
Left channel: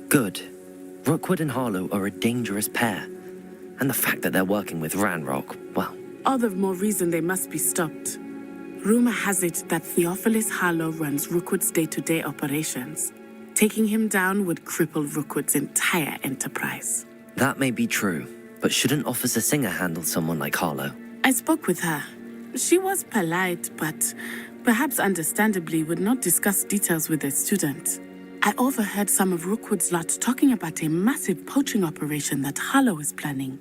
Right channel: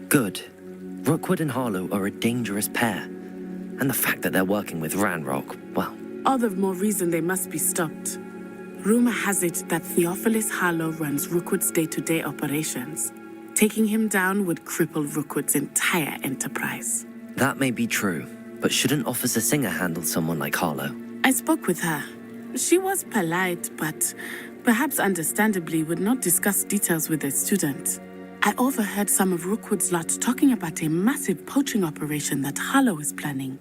Good. Rookwood and Harlow are a dangerous pair. And the fact that they're working with Ranrock, well... All the more reason they must be stopped. Rumor has it that Theophilus Harlow runs Rookwood's day-to-day operations. Taking him down would cripple Rookwood's entire enterprise. That may be true, but shouldn't Officer Singer handle someone like Harlow? I spoke with her. She was polite, but perhaps understandably would not discuss details with a student. I overheard some of Rookwood's lot talking about a massive poaching operation that Harlow is planning.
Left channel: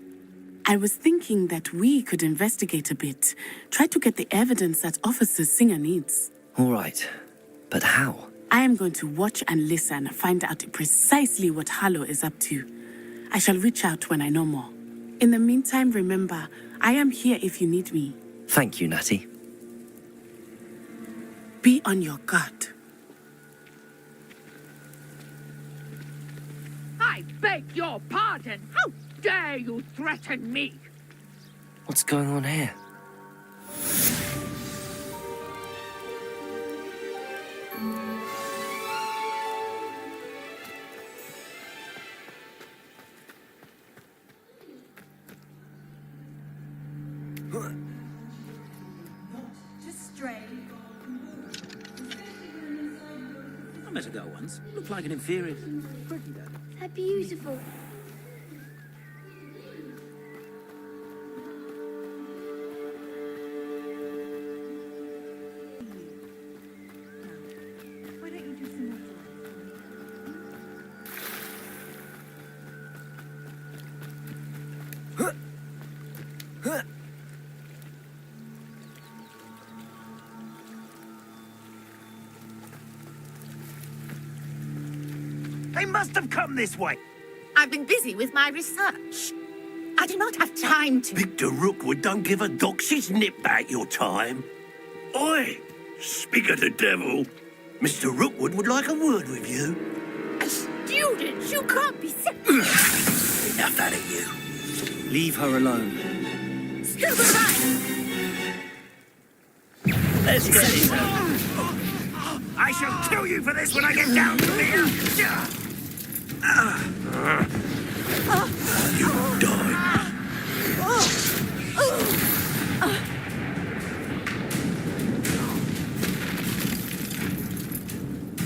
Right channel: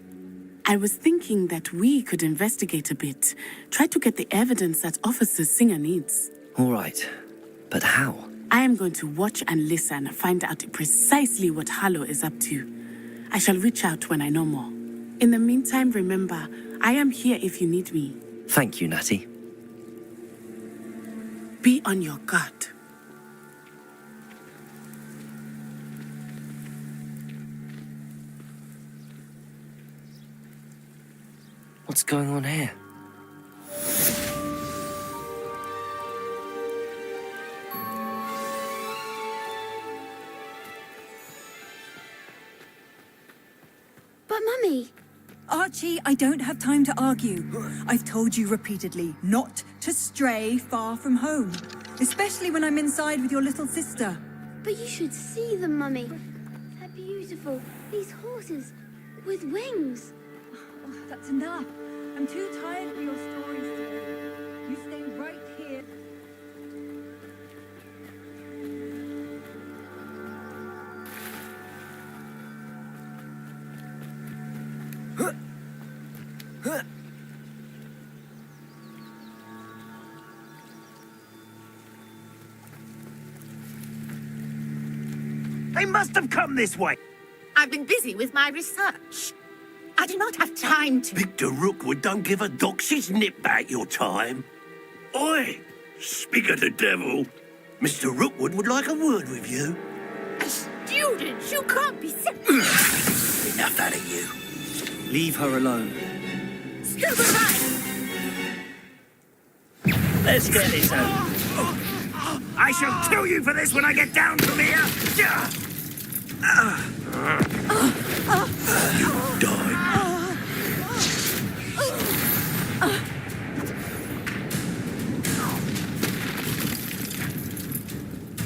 I was thinking that we could investigate a bit, try to get the evidence that Officer Singer needs. All right, but how? I am going to watch and listen, find out precisely what Harlow is up to. I shall reach out when I know more. In the meantime, remember, I am here if you need me. Thank you, Natty. Be on your guard. I beg your pardon. How dare you threaten me? What's going on here? But Mummy... Archie, I don't have time to argue. I've told you repeatedly not to stray far from home. Especially when I'm inside with your little sister. But you should see them, Mummy. They're beautiful. These horses with wings. That's enough. I'm too tired for your stories today. You stay right here. They must have come this way. I've been busy with my research. I do not have time to... Victor Rookwood don't give a doxy's nip back your time. Oi! Speak of the devil. Mr. Rookwood would like a word with you. A student? You can't be... Enough out of you. Leave her alone. Still alive! Let's get this out. I shall kill you for this when I get down from here. You die.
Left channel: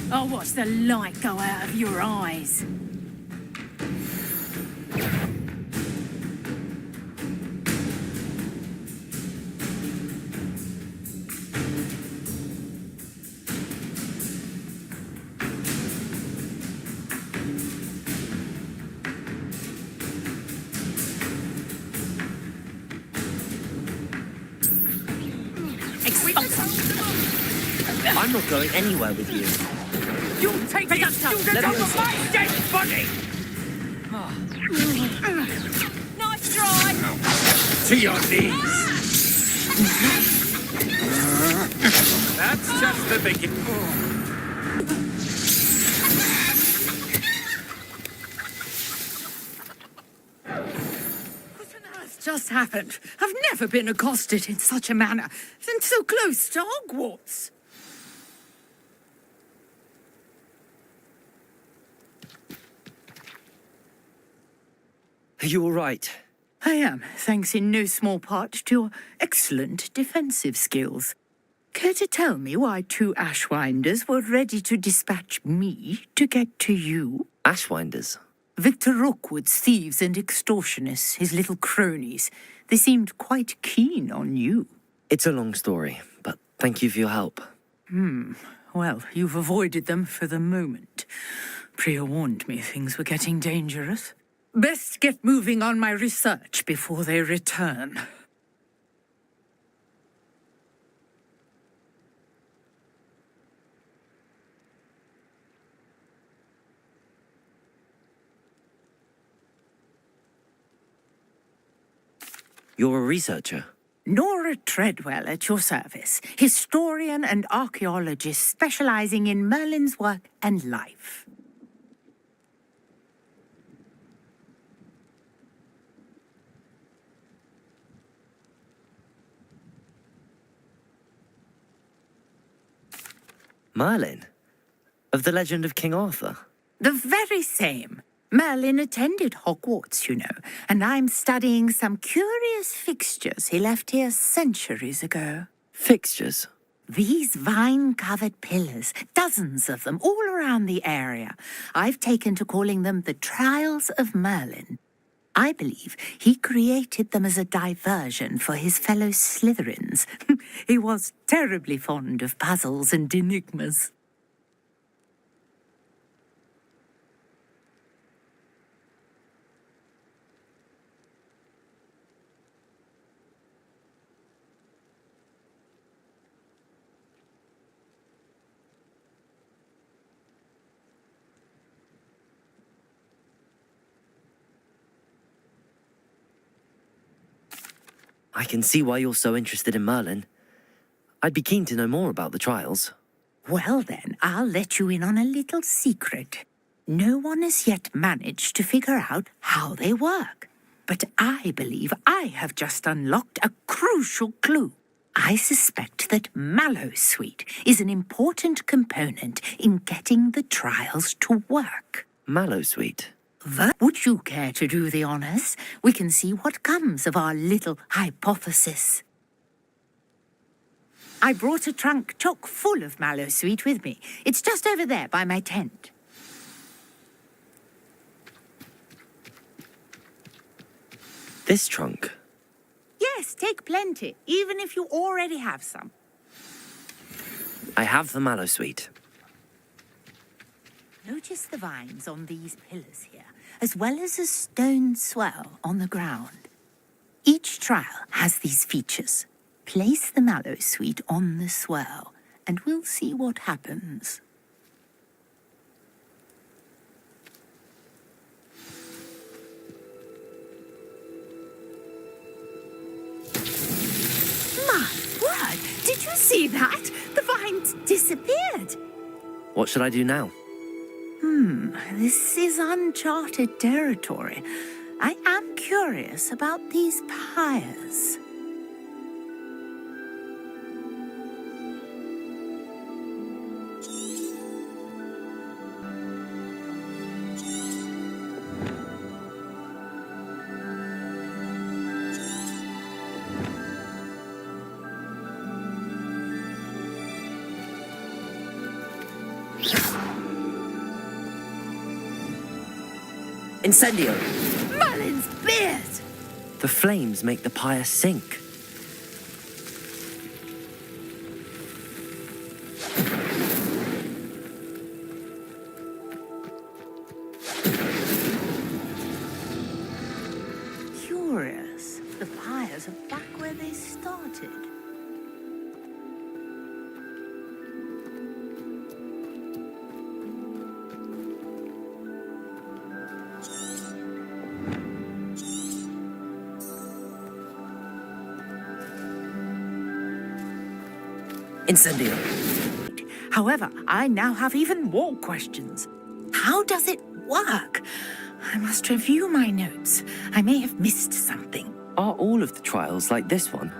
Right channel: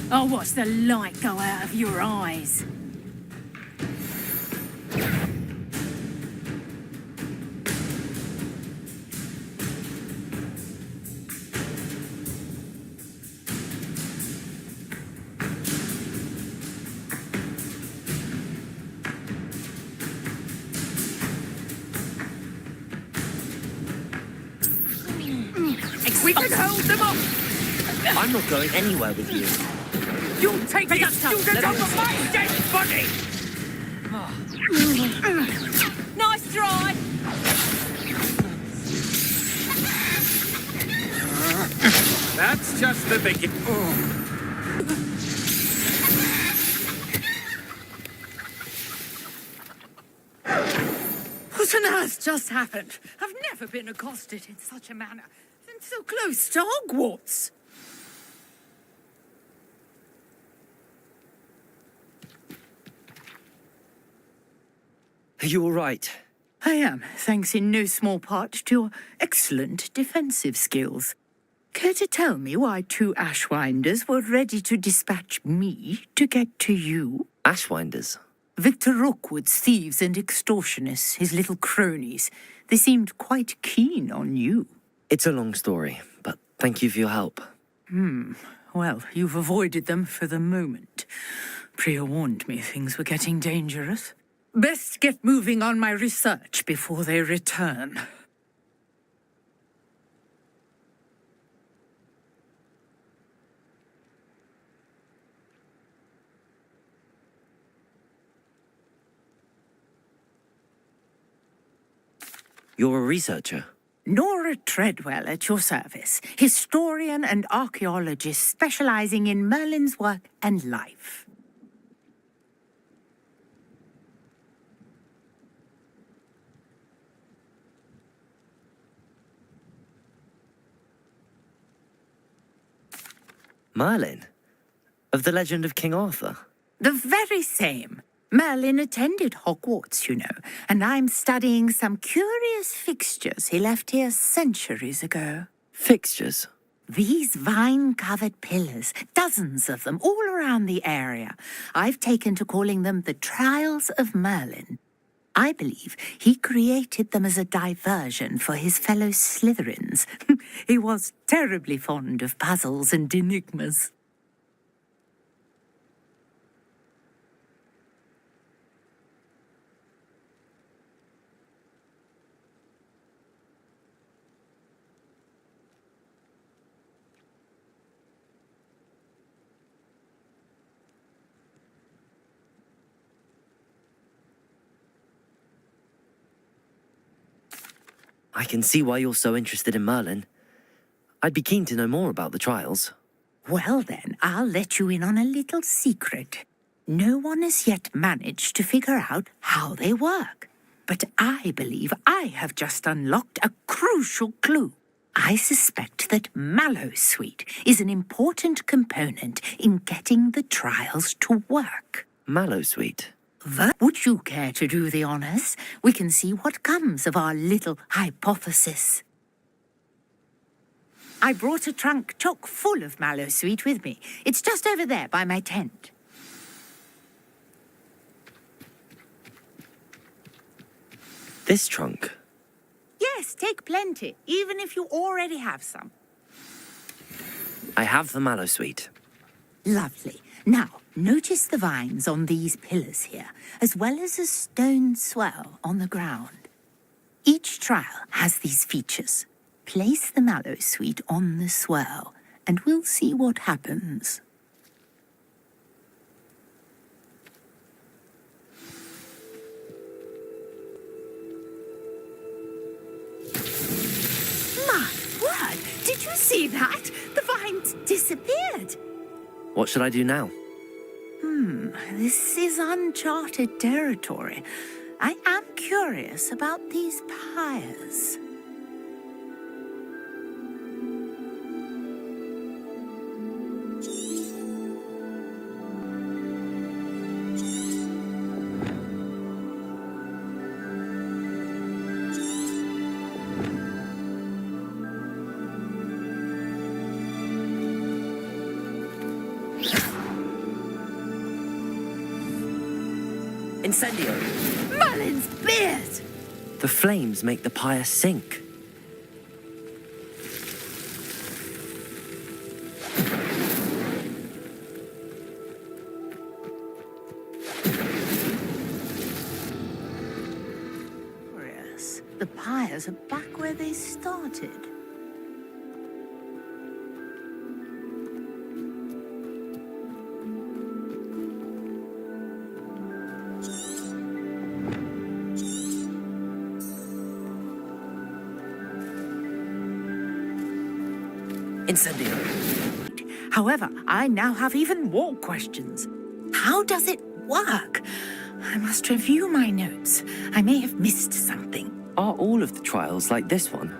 I'll watch the light go out of your eyes. We can hold them off. I'm not going anywhere with you. You'll take the student off my dead body. Nice try. To your knees. That's just the beginning. What on earth just happened? I've never been accosted in such a manner, and so close to Hogwarts. Are you all right? I am, thanks in no small part to your excellent defensive skills. Care to tell me why two Ashwinders were ready to dispatch me to get to you? Ashwinders? Victor Rookwood's thieves and extortionists, his little cronies. They seemed quite keen on you. It's a long story, but thank you for your help. Well, you've avoided them for the moment. Priya warned me things were getting dangerous. Best get moving on my research before they return. You're a researcher? Nora Treadwell at your service, historian and archaeologist specializing in Merlin's work and life. Merlin? Of the legend of King Arthur? The very same. Merlin attended Hogwarts, you know, and I'm studying some curious fixtures he left here centuries ago. Fixtures? These vine-covered pillars, dozens of them, all around the area. I've taken to calling them the Trials of Merlin. I believe he created them as a diversion for his fellow Slytherins. He was terribly fond of puzzles and enigmas. I can see why you're so interested in Merlin. I'd be keen to know more about the trials. Well then, I'll let you in on a little secret. No one has yet managed to figure out how they work. But I believe I have just unlocked a crucial clue. I suspect that Mallowsweet is an important component in getting the trials to work. Mallowsweet? Would you care to do the honors? We can see what comes of our little hypothesis. I brought a trunk chock full of Mallowsweet with me. It's just over there by my tent. This trunk? Yes, take plenty, even if you already have some. I have the mallow sweet. Lovely. Now, notice the vines on these pillars here, as well as a stone swell on the ground. Each trial has these features. Place the mallow sweet on the swell, and we'll see what happens. My word! Did you see that? The vines disappeared. What should I do now? This is uncharted territory. I am curious about these pyres. Incendio! Merlin's beard! The flames make the pyre sink. Curious. The pyres are back where they started. Incendio! However, I now have even more questions. How does it work? I must review my notes. I may have missed something. Are all of the trials like this one?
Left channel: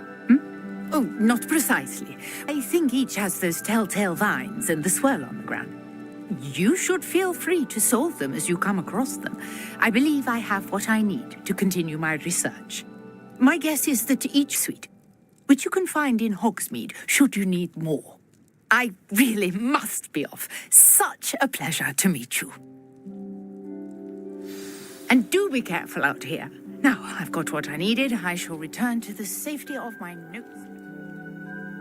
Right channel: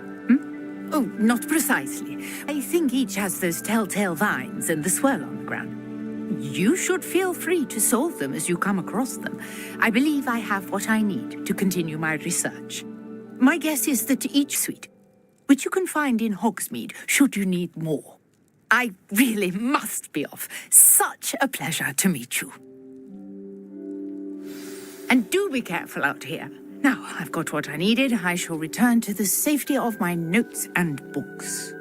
Oh, not precisely. I think each has those telltale vines and the swirl on the ground. You should feel free to solve them as you come across them. I believe I have what I need to continue my research. My guess is that each suite, which you can find in Hogsmeade, should you need more. I really must be off. Such a pleasure to meet you. And do be careful out here. Now, I've got what I needed. I shall return to the safety of my notes and books.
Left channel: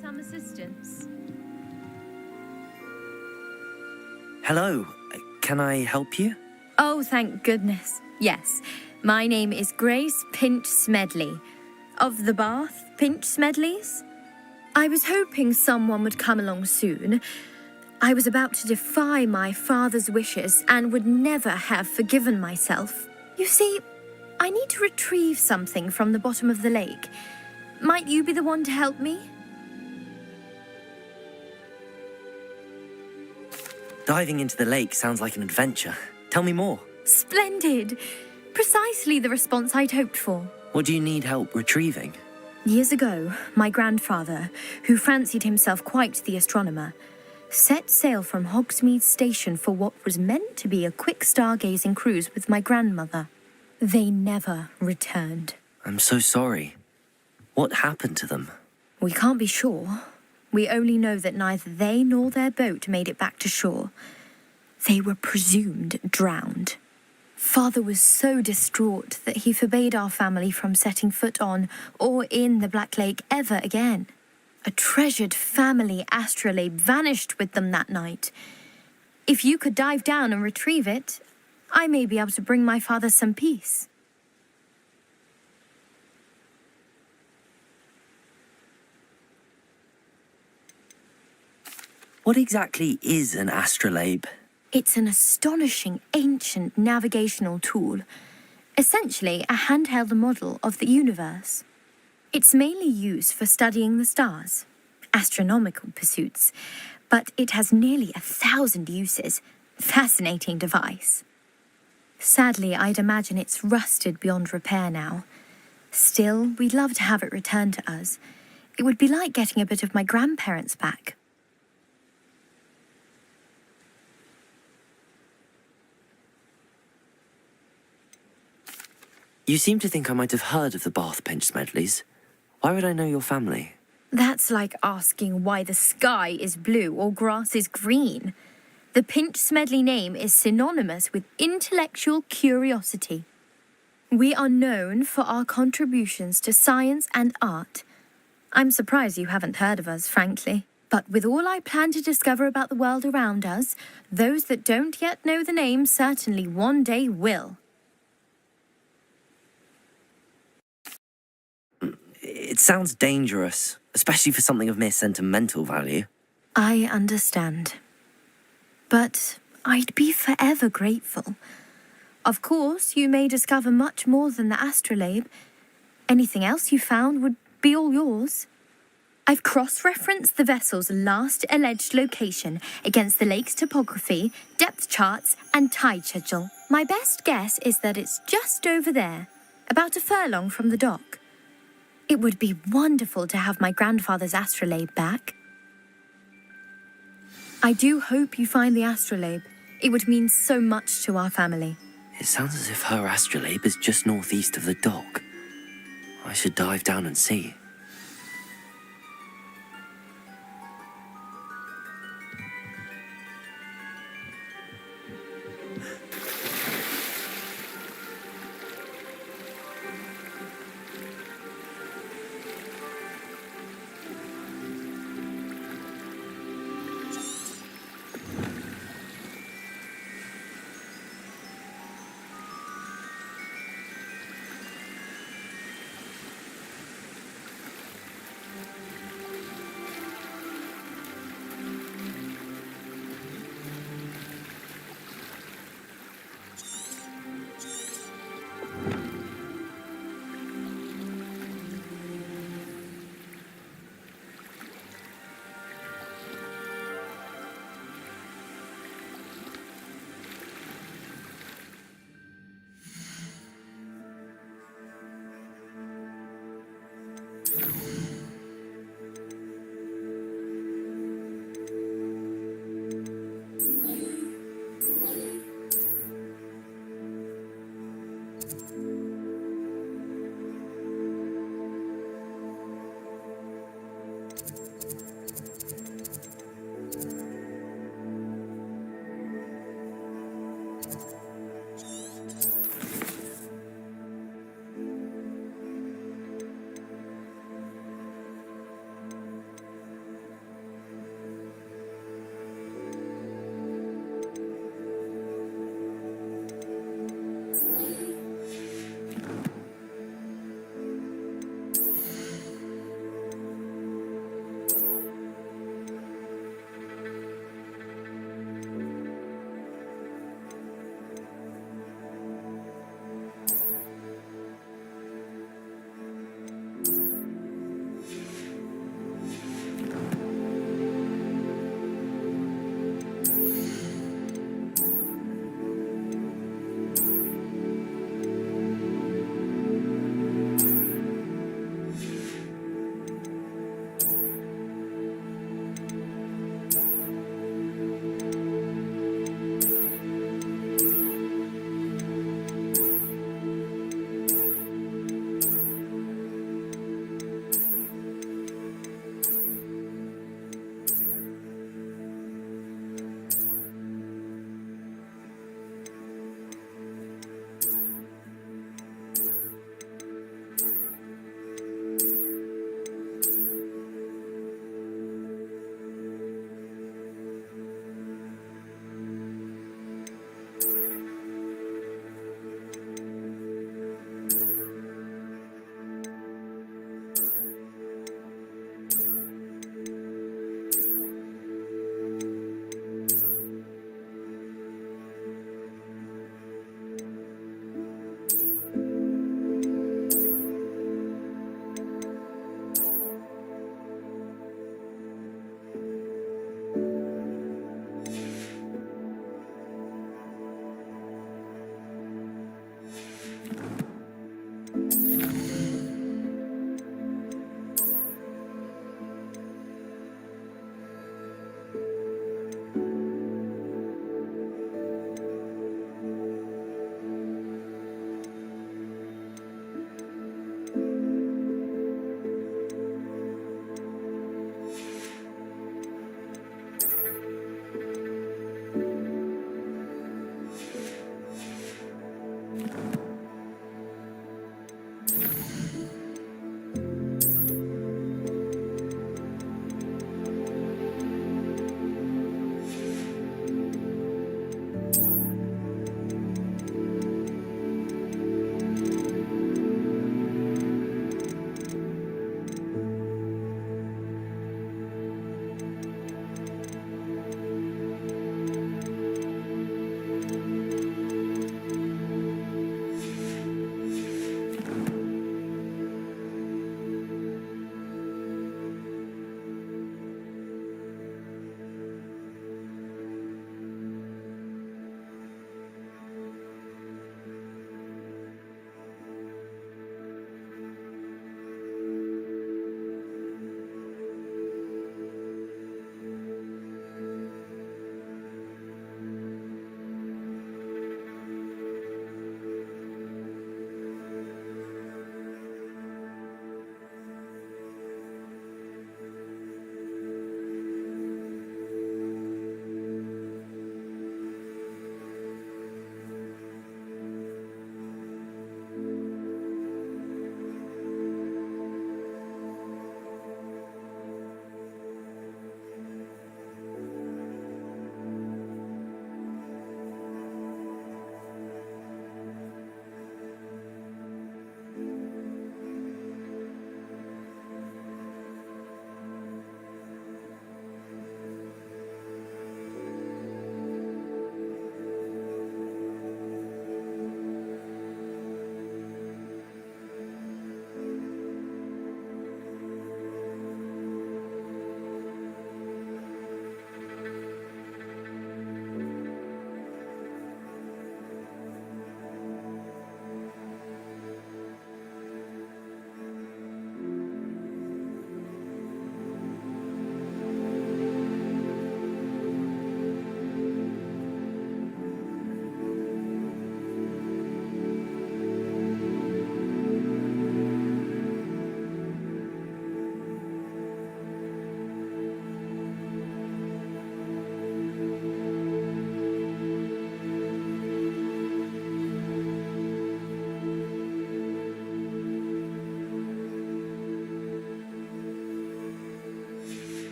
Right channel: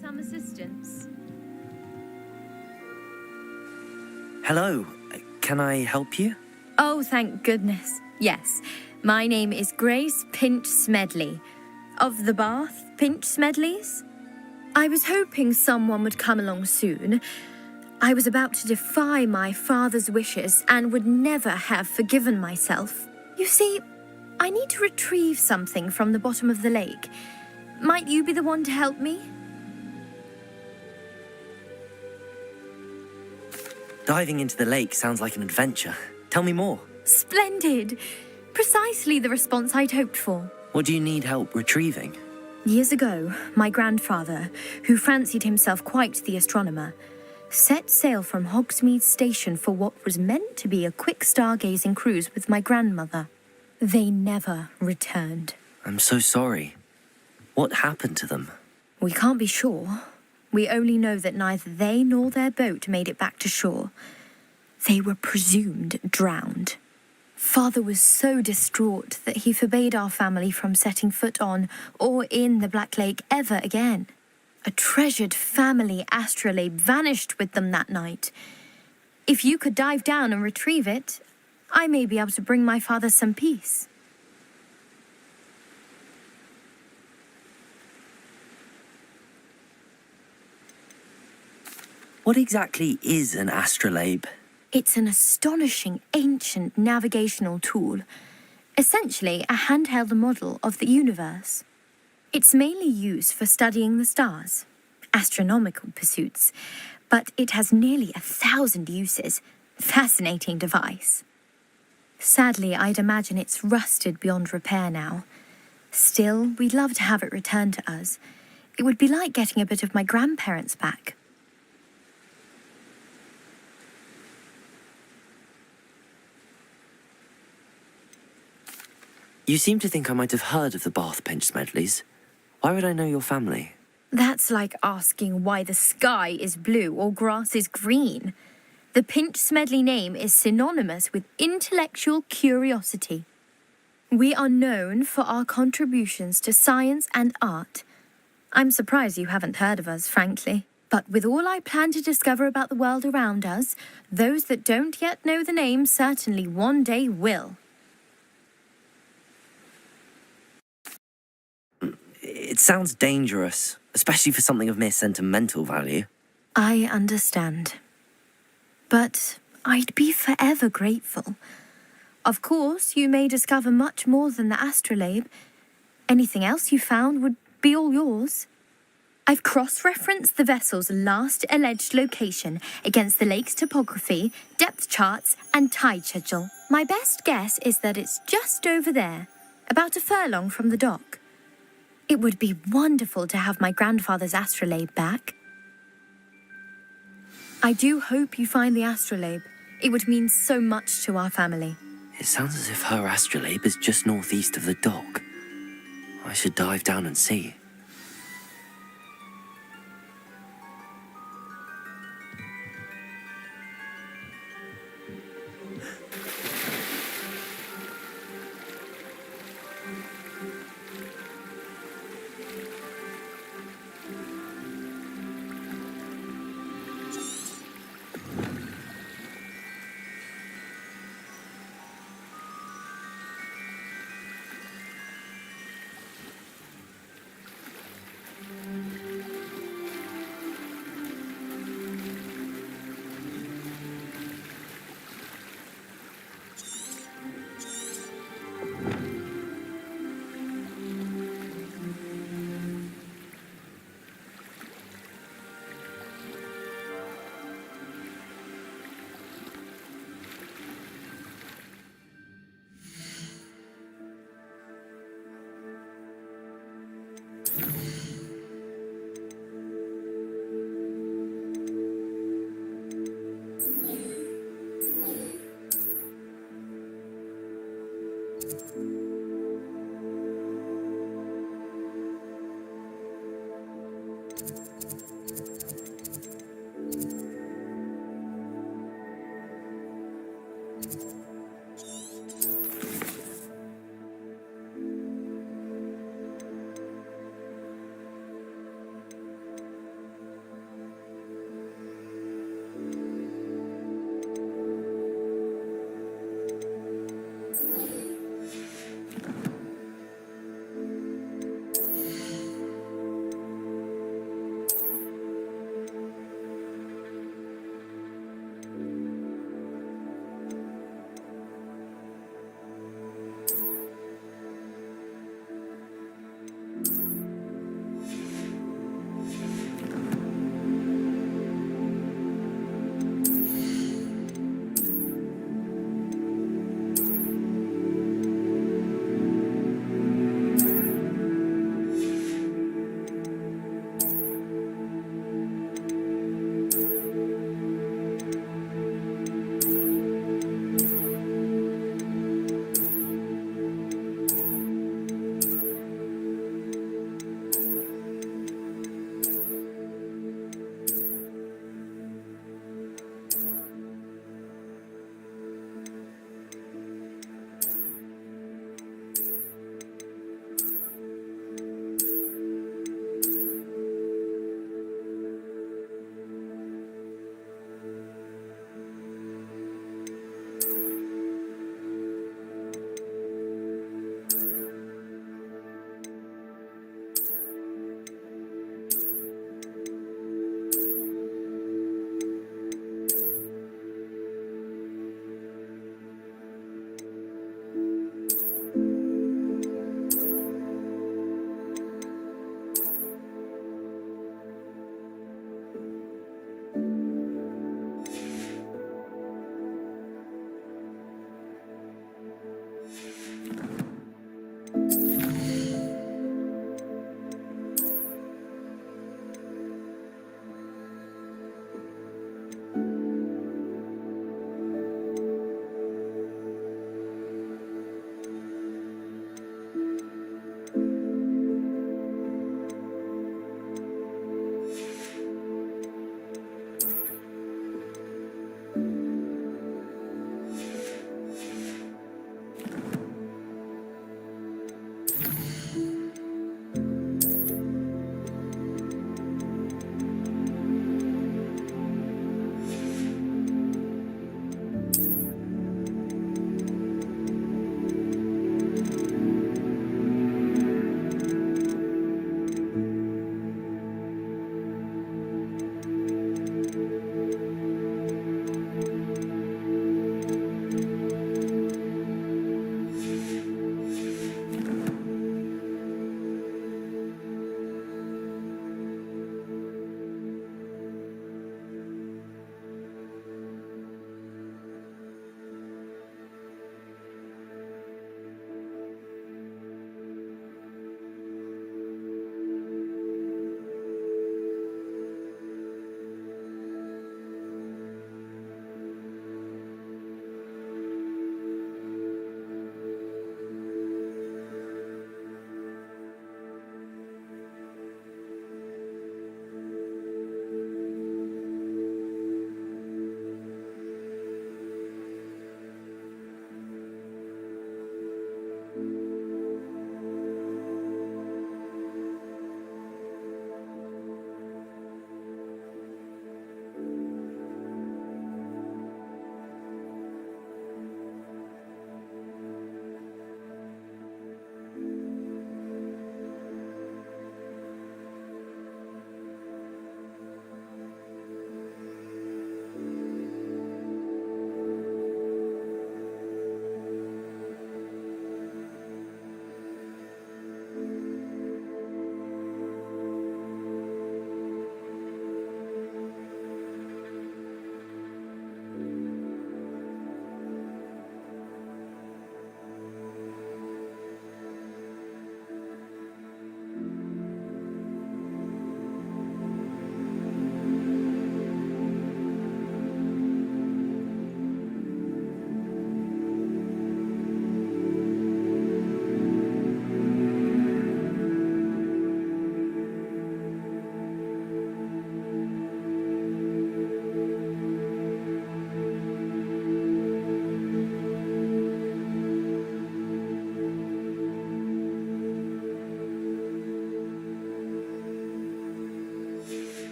Some assistance. Hello. Can I help you? Oh, thank goodness. Yes. My name is Grace Pinch Smedley. Of the Bath Pinch Smedleys. I was hoping someone would come along soon. I was about to defy my father's wishes and would never have forgiven myself. You see, I need to retrieve something from the bottom of the lake. Might you be the one to help me? Diving into the lake sounds like an adventure. Tell me more. Splendid! Precisely the response I'd hoped for. What do you need help retrieving? Years ago, my grandfather, who fancied himself quite the astronomer, set sail from Hogsmeade Station for what was meant to be a quick stargazing cruise with my grandmother. They never returned. I'm so sorry. What happened to them? We can't be sure. We only know that neither they nor their boat made it back to shore. They were presumed drowned. Father was so distraught that he forbade our family from setting foot on or in the Black Lake ever again. A treasured family astrolabe vanished with them that night. If you could dive down and retrieve it, I may be able to bring my father some peace. What exactly is an astrolabe? It's an astonishing ancient navigational tool, essentially a handheld model of the universe. It's mainly used for studying the stars, astronomical pursuits, but it has nearly 1,000 uses. Fascinating device. Sadly, I'd imagine it's rusted beyond repair now. Still, we'd love to have it returned to us. It would be like getting a bit of my grandparents back. You seem to think I might have heard of the Bath Pinch Smedleys. Why would I know your family? That's like asking why the sky is blue or grass is green. The Pinch Smedley name is synonymous with intellectual curiosity. We are known for our contributions to science and art. I'm surprised you haven't heard of us, frankly. But with all I plan to discover about the world around us, those that don't yet know the name certainly one day will. It sounds dangerous, especially for something of mere sentimental value. I understand. But I'd be forever grateful. Of course, you may discover much more than the astrolabe. Anything else you found would be all yours. I've cross-referenced the vessel's last alleged location against the lake's topography, depth charts, and tide schedule. My best guess is that it's just over there, about a furlong from the dock. It would be wonderful to have my grandfather's astrolabe back. I do hope you find the astrolabe. It would mean so much to our family. It sounds as if her astrolabe is just northeast of the dock. I should dive down and see.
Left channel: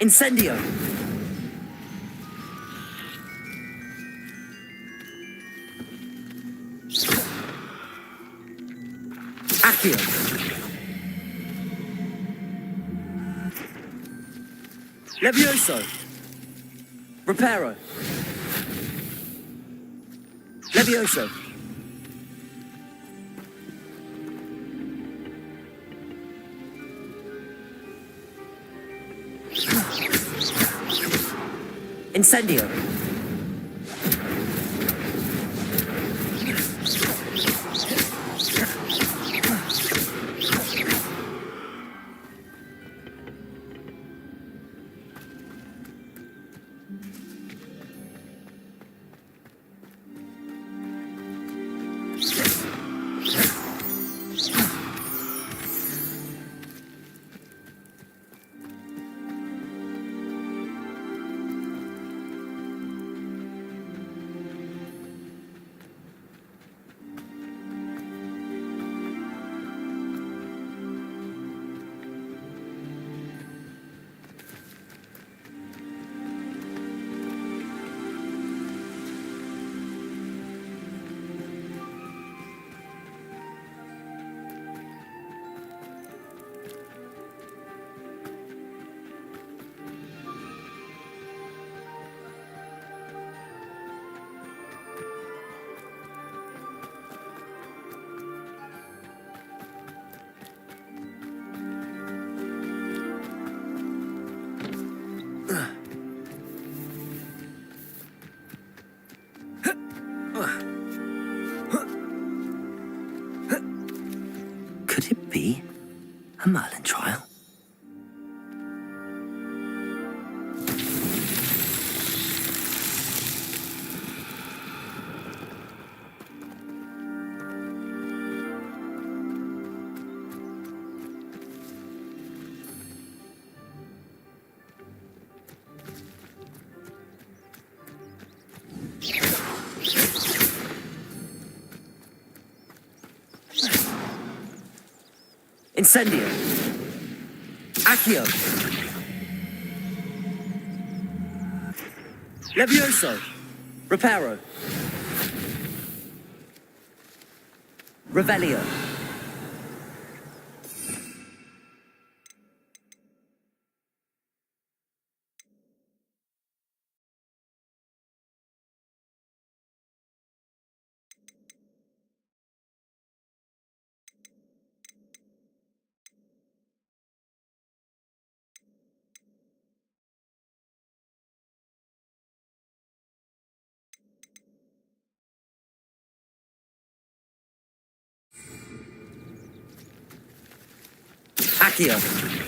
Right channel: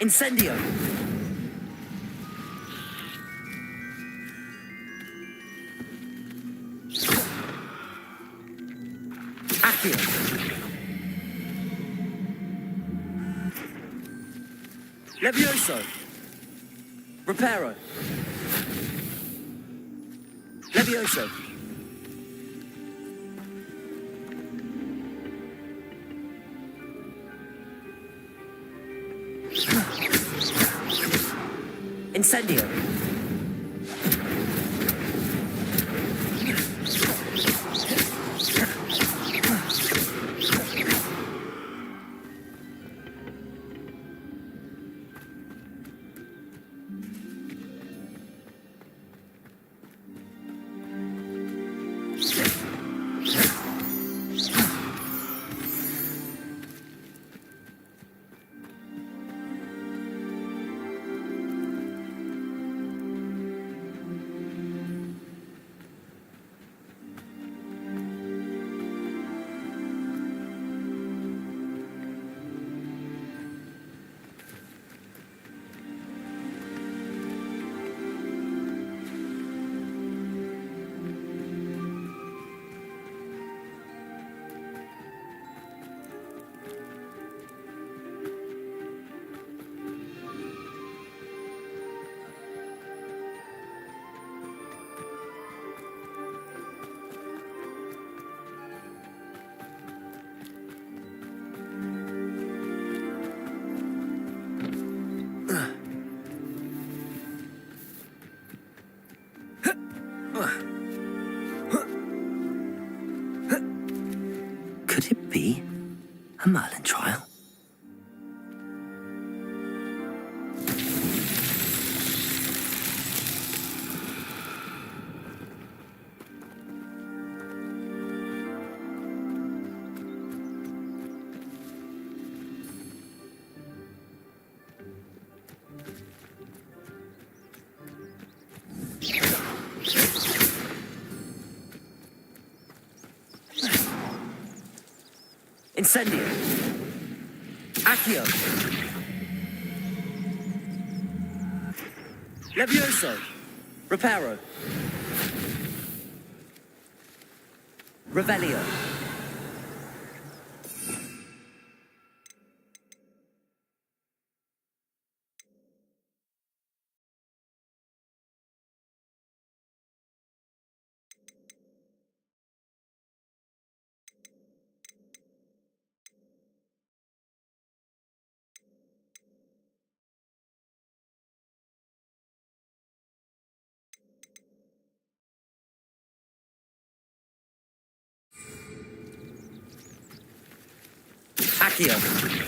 Incendio! Accio! Levioso! Reparo! Levioso! Incendio! Could it be a Merlin trial? Incendio! Accio! Levioso! Reparo! Revelio! Accio!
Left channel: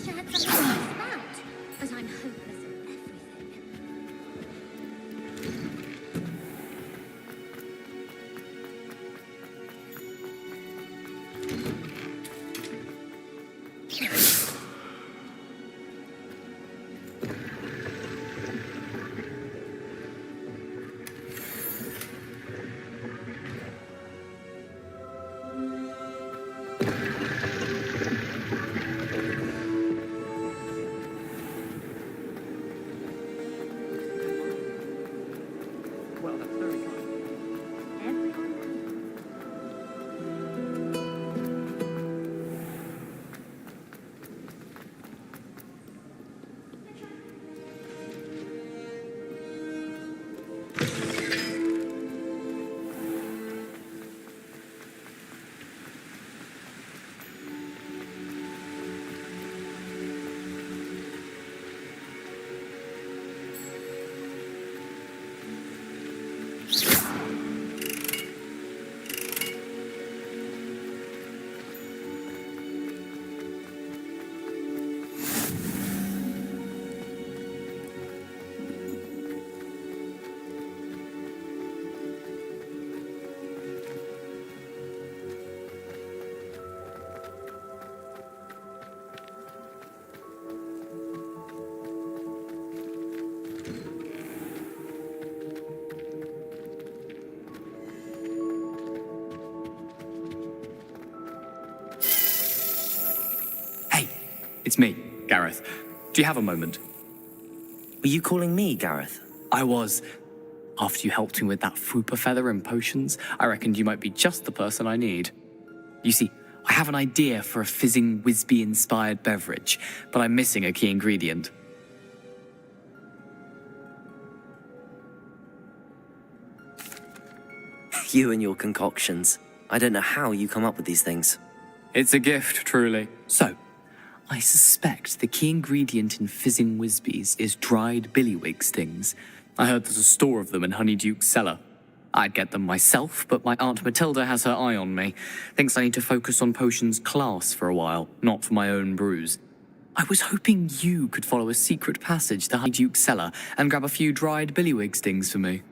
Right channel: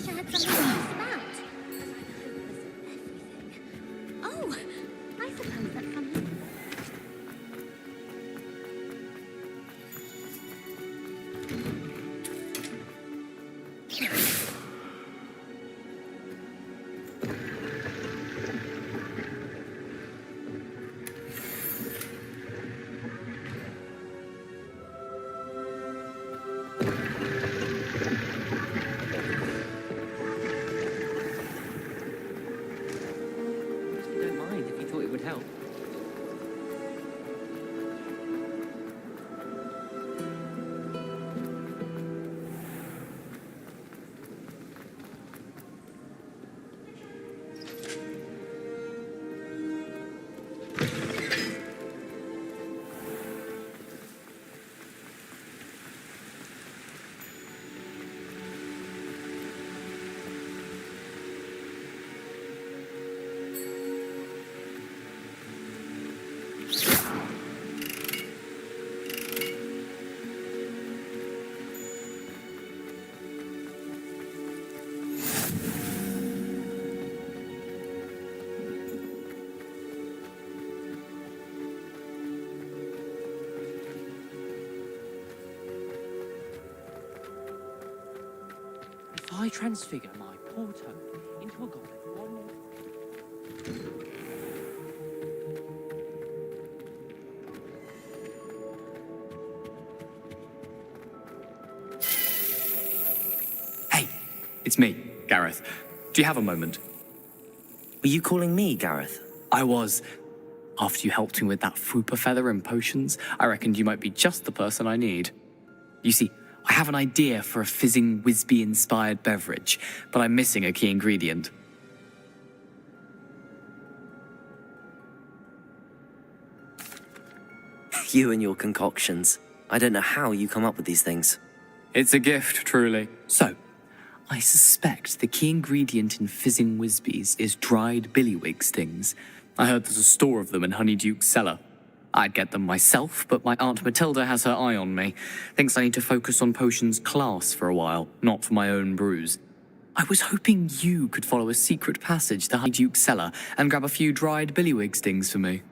wish I had something to fuss about, but I'm hopeless at everything. Oh, I suppose that comes. Don't mind if you thought it would help. Well, if I transfigure my Porto into a goblin. Hey, it's me, Gareth. Do you have a moment? Were you calling me, Gareth? I was. After you helped me with that Fupa feather and potions, I reckoned you might be just the person I need. You see, I have an idea for a fizzing Wisby-inspired beverage, but I'm missing a key ingredient. You and your concoctions. I don't know how you come up with these things. It's a gift, truly. So, I suspect the key ingredient in fizzing Wisbies is dried billywig stings. I heard there's a store of them in Honeyduke's cellar. I'd get them myself, but my Aunt Matilda has her eye on me. Thinks I need to focus on potions class for a while, not for my own brews. I was hoping you could follow a secret passage to Honeyduke's cellar and grab a few dried billywig stings for me.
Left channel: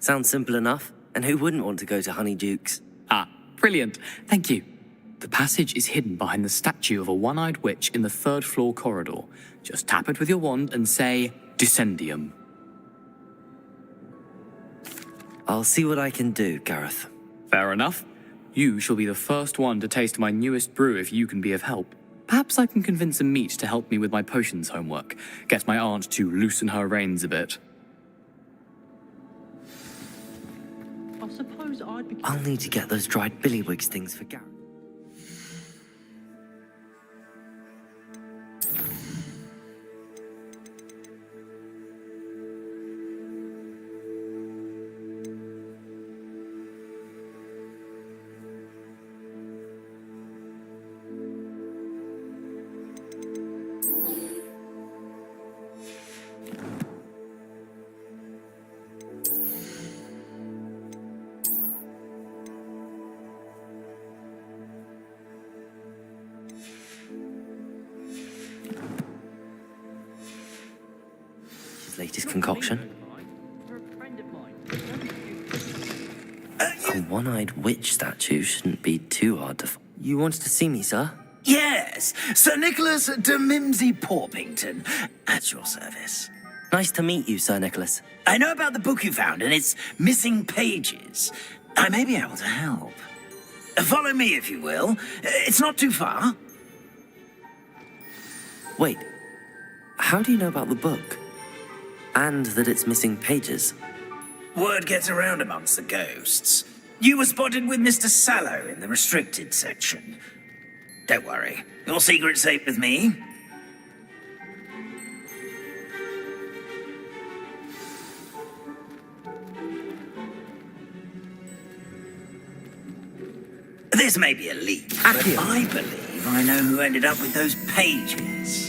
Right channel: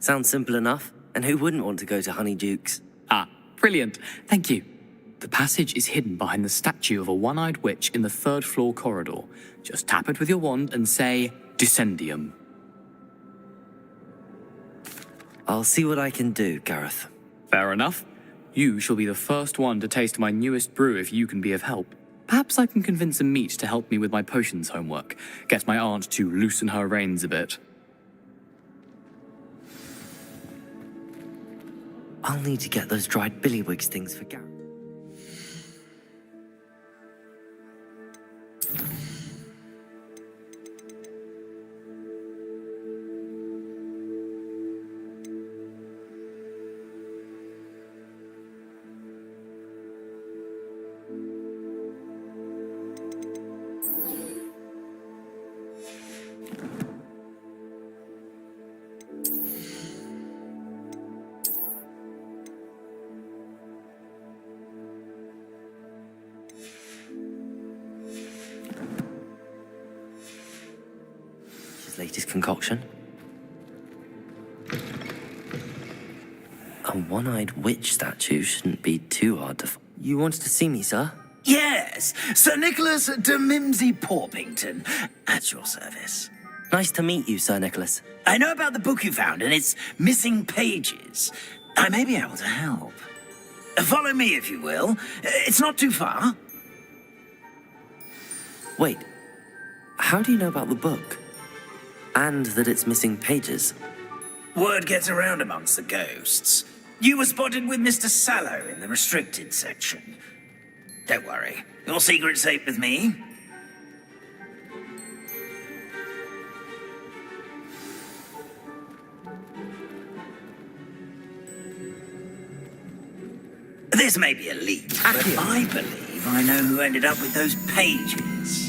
Sounds simple enough. And who wouldn't want to go to Honeyduke's? Ah, brilliant. Thank you. The passage is hidden behind the statue of a one-eyed witch in the third-floor corridor. Just tap it with your wand and say, Descendium. I'll see what I can do, Gareth. Fair enough. You shall be the first one to taste my newest brew if you can be of help. Perhaps I can convince a meat to help me with my potions homework. Get my aunt to loosen her reins a bit. I'll need to get those dried billywig stings for Gareth. His latest concoction. A one-eyed witch statue shouldn't be too hard to find. You wanted to see me, sir? Yes, Sir Nicholas de Mimsy Porpington, at your service. Nice to meet you, Sir Nicholas. I know about the book you found and its missing pages. I may be able to help. Follow me, if you will. It's not too far. Wait, how do you know about the book? And that it's missing pages? Word gets around amongst the ghosts. You were spotted with Mr. Sallow in the restricted section. Don't worry, your secret's safe with me. This may be a leap, but I believe I know who ended up with those pages.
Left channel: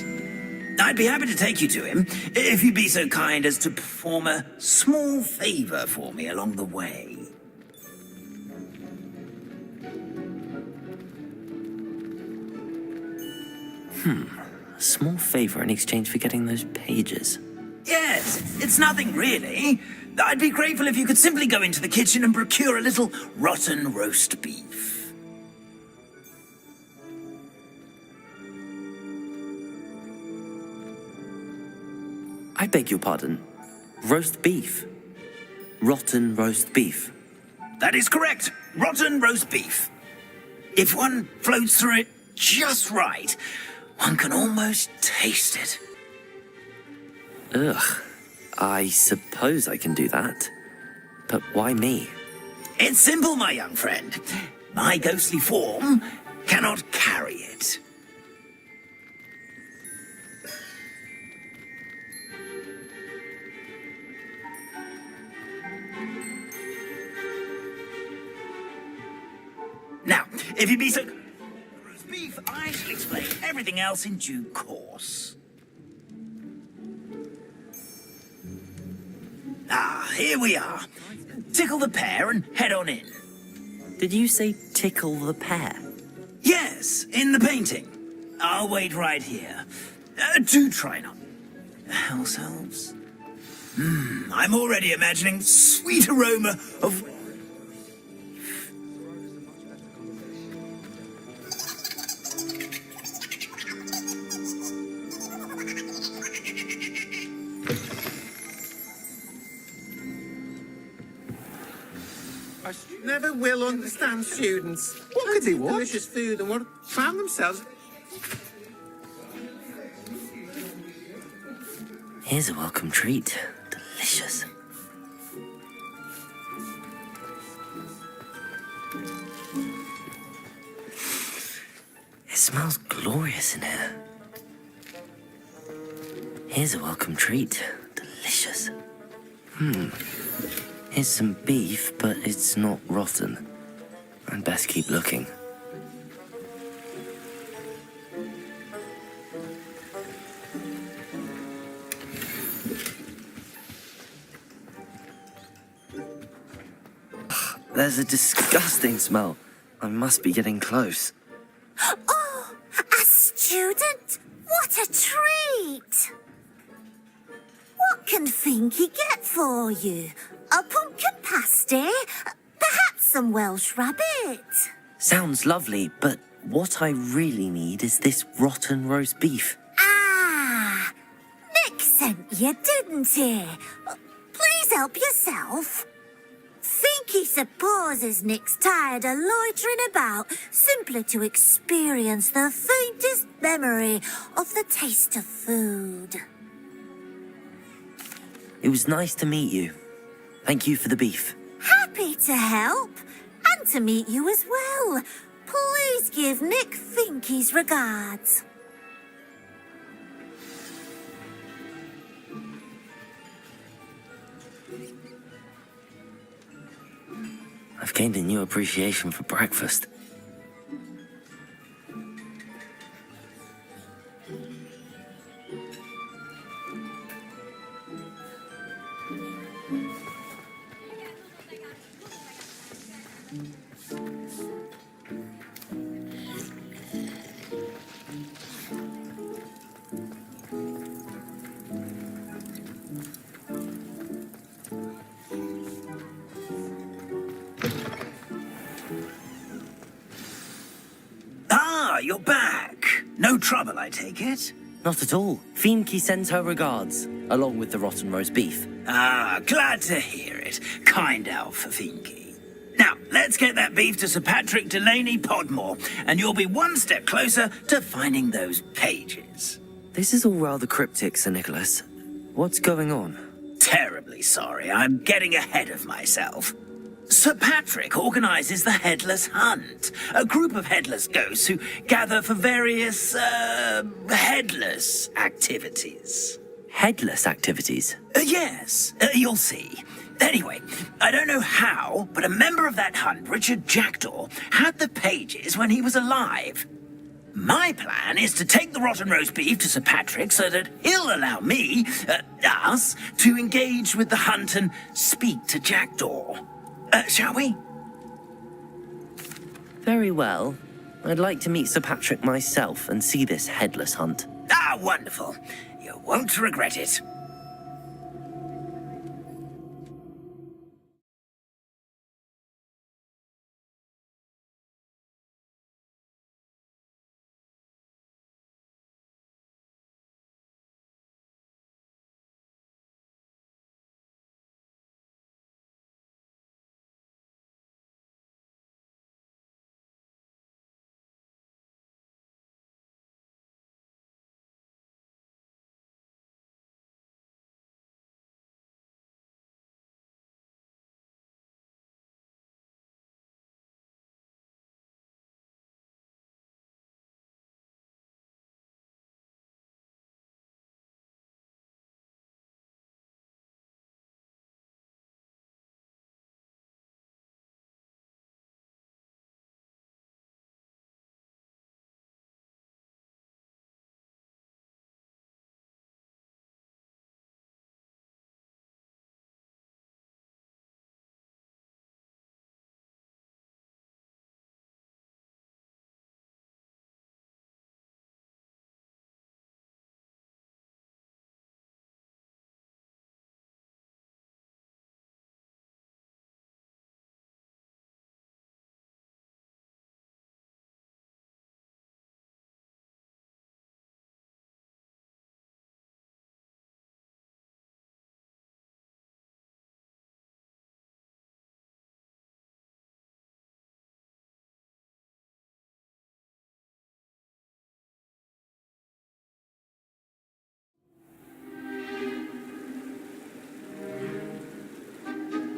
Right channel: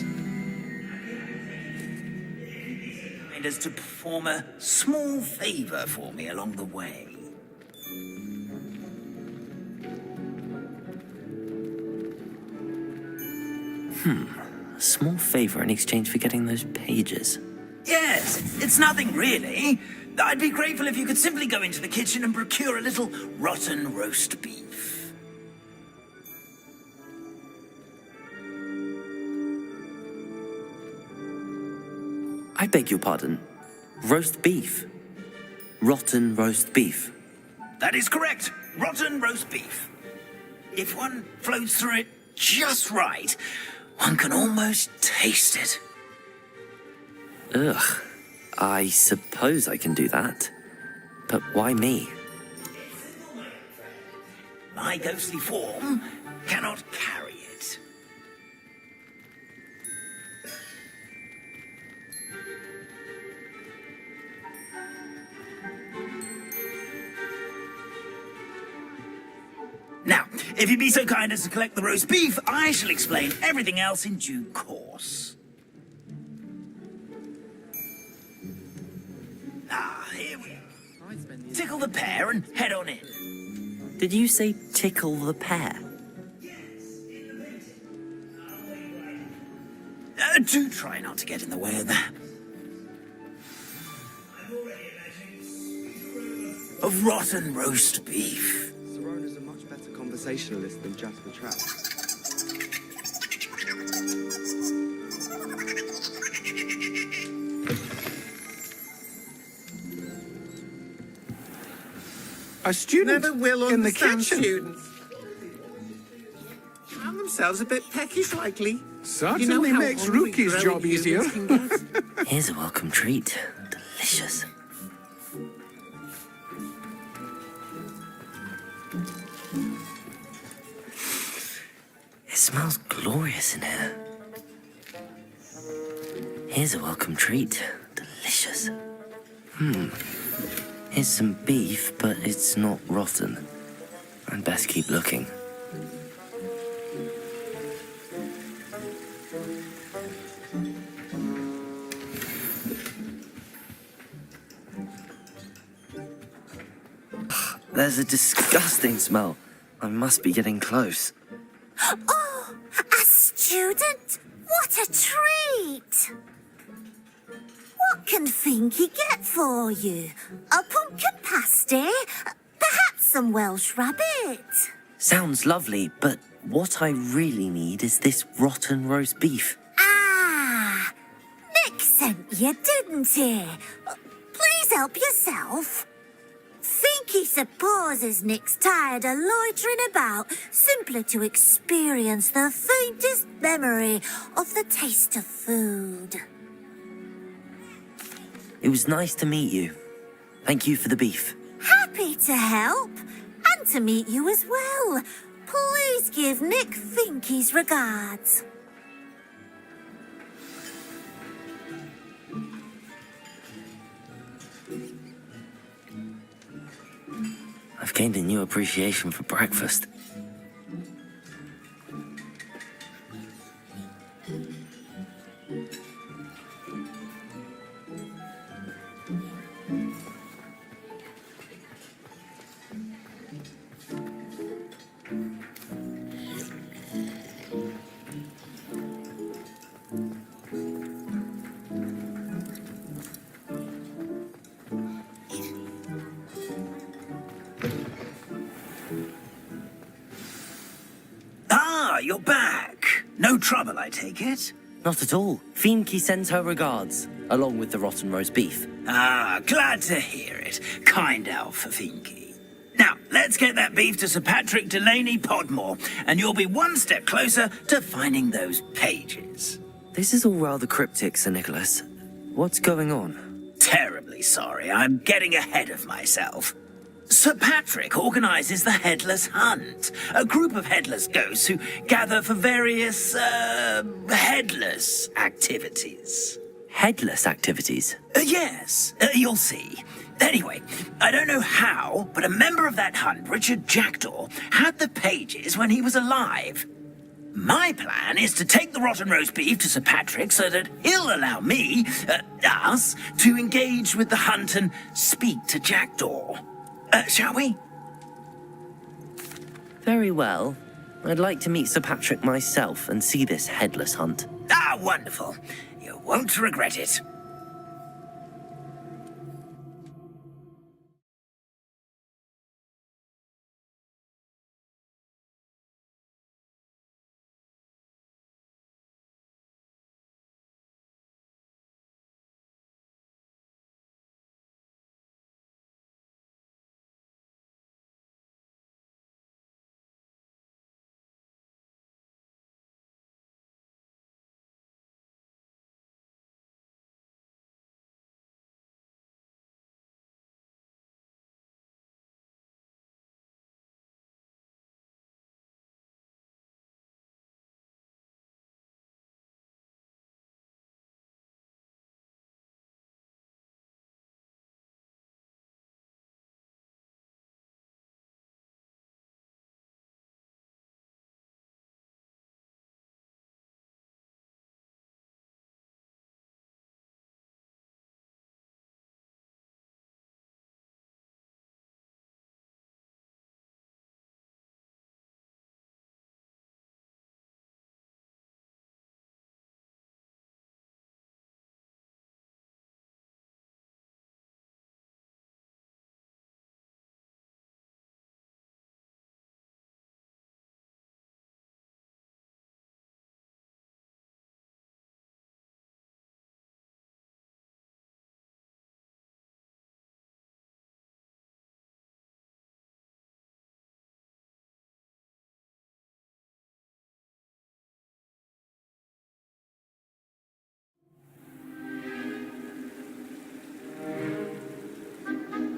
I'd be happy to take you to him, if you'd be so kind as to perform a small favor for me along the way. A small favor in exchange for getting those pages. Yes, it's nothing really. I'd be grateful if you could simply go into the kitchen and procure a little rotten roast beef. I beg your pardon. Roast beef. Rotten roast beef. That is correct. Rotten roast beef. If one floats through it just right, one can almost taste it. Ugh. I suppose I can do that. But why me? It's simple, my young friend. My ghostly form cannot carry it. Now, if you'd be so kind as to collect the roast beef, I shall explain everything else in due course. Ah, here we are. Tickle the pear and head on in. Did you say tickle the pear? Yes, in the painting. I'll wait right here. Do try not to get in the way of the house elves. I'm already imagining sweet aroma of rotten roast beef. Sorona's a much better conversationalist than Jack and Trap. A student Never will in understand the kitchen. students. What could he want? Delicious food and what found themselves a bit peckish lately. Certainly how makes hungry Rookie's growing job easier. humans can get. Here's a welcome treat. Delicious. It smells glorious in here. Here's a welcome treat. Delicious. Here's some beef, but it's not rotten. I'd best keep looking. There's a disgusting smell. I must be getting close. Oh, a student? What a treat! What can Finky get for you? A pumpkin pasty? Perhaps some Welsh rabbit? Sounds lovely, but what I really need is this rotten roast beef. Ah, Nick sent you, didn't he? Please help yourself. Finky supposes Nick's tired of loitering about simply to experience the faintest memory of the taste of food. It was nice to meet you. Thank you for the beef. Happy to help, and to meet you as well. Please give Nick Finky's regards. I've gained a new appreciation for breakfast. Ah, you're back. No trouble, I take it? Not at all. Fienke sends her regards, along with the rotten roast beef. Ah, glad to hear it. Kind elf, Finky. Now, let's get that beef to Sir Patrick Delaney Podmore, and you'll be one step closer to finding those pages. This is all rather cryptic, Sir Nicholas. What's going on? Terribly sorry, I'm getting ahead of myself. Sir Patrick organises the Headless Hunt, a group of headless ghosts who gather for various, headless activities. Headless activities? Yes, you'll see. Anyway, I don't know how, but a member of that hunt, Richard Jackdaw, had the pages when he was alive. My plan is to take the rotten roast beef to Sir Patrick so that he'll allow me, us, to engage with the hunt and speak to Jackdaw. Shall we? Very well. I'd like to meet Sir Patrick myself and see this headless hunt. Ah, wonderful. You won't regret it.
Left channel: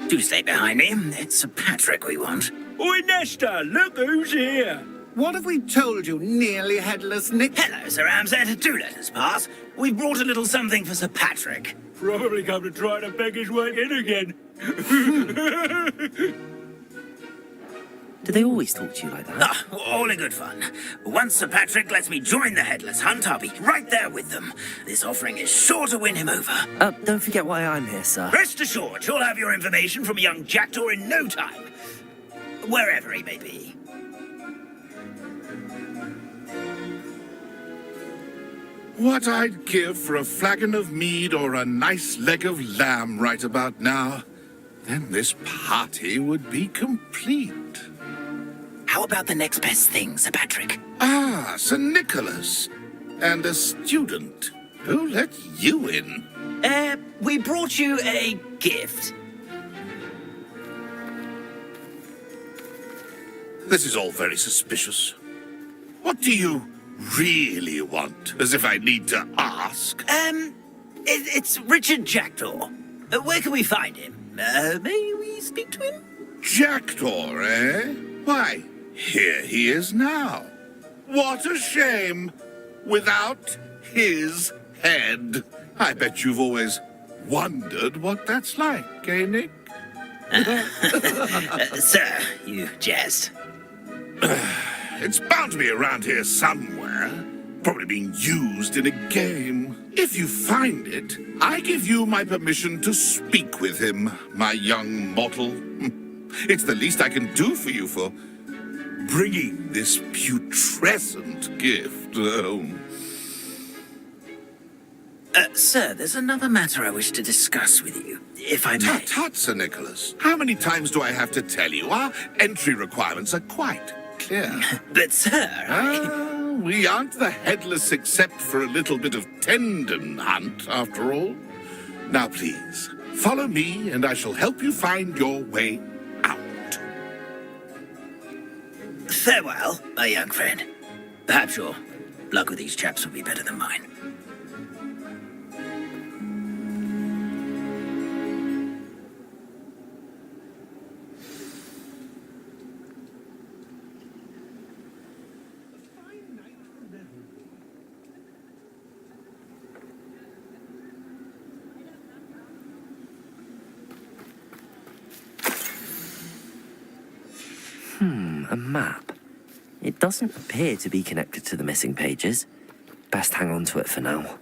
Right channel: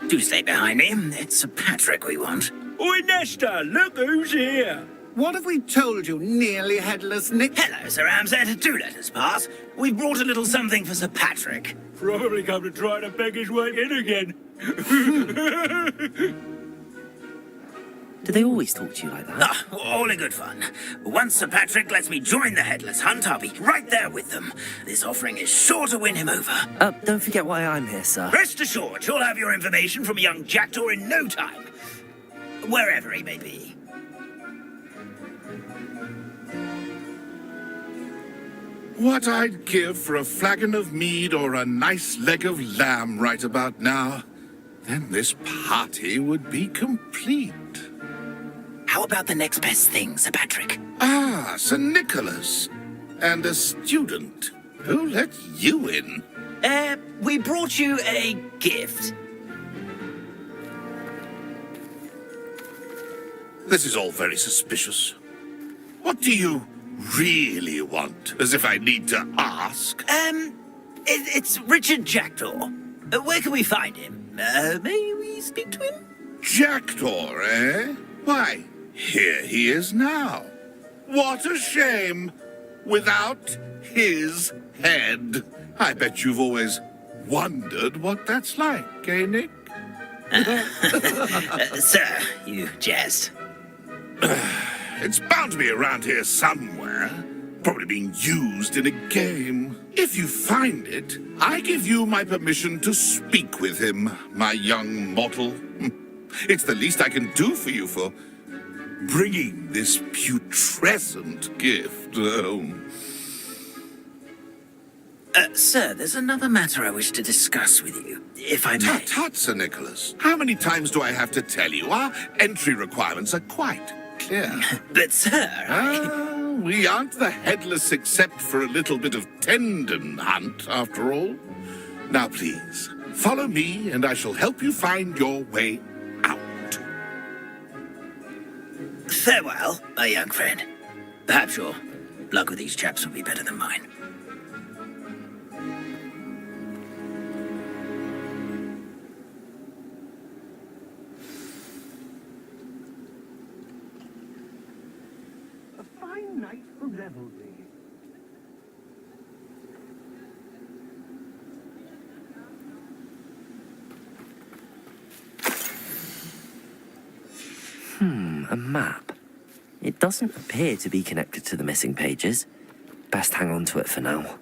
Do stay behind me. It's Sir Patrick we want. Oi, Nesta, look who's here. What have we told you, nearly headless Nick? Hello, Sir Ramsay. Do let us pass. We've brought a little something for Sir Patrick. Probably come to try to beg his way in again. Do they always talk to you like that? Ah, all in good fun. Once Sir Patrick lets me join the headless hunt, I'll be right there with them. This offering is sure to win him over. Don't forget why I'm here, sir. Rest assured, you'll have your information from a young jackdaw in no time. Wherever he may be. What I'd give for a flagon of mead or a nice leg of lamb right about now. Then this party would be complete. How about the next best thing, Sir Patrick? Ah, Sir Nicholas. And a student. Who let you in? We brought you a gift. This is all very suspicious. What do you really want? As if I need to ask. It's Richard Jackdaw. Where can we find him? May we speak to him? Jackdaw, eh? Why, here he is now. What a shame. Without his head. I bet you've always wondered what that's like, eh, Nick? Sir, you jest. It's bound to be around here somewhere. Probably being used in a game. If you find it, I give you my permission to speak with him, my young mortal. It's the least I can do for you for bringing this putrescent gift home. Sir, there's another matter I wish to discuss with you, if I may. Tut, tut, Sir Nicholas. How many times do I have to tell you? Our entry requirements are quite clear. But, sir, we aren't the headless except for a little bit of tendon hunt, after all. Now, please, follow me, and I shall help you find your way out. Farewell, my young friend. Perhaps your luck with these chaps will be better than mine. A map. It doesn't appear to be connected to the missing pages. Best hang on to it for now.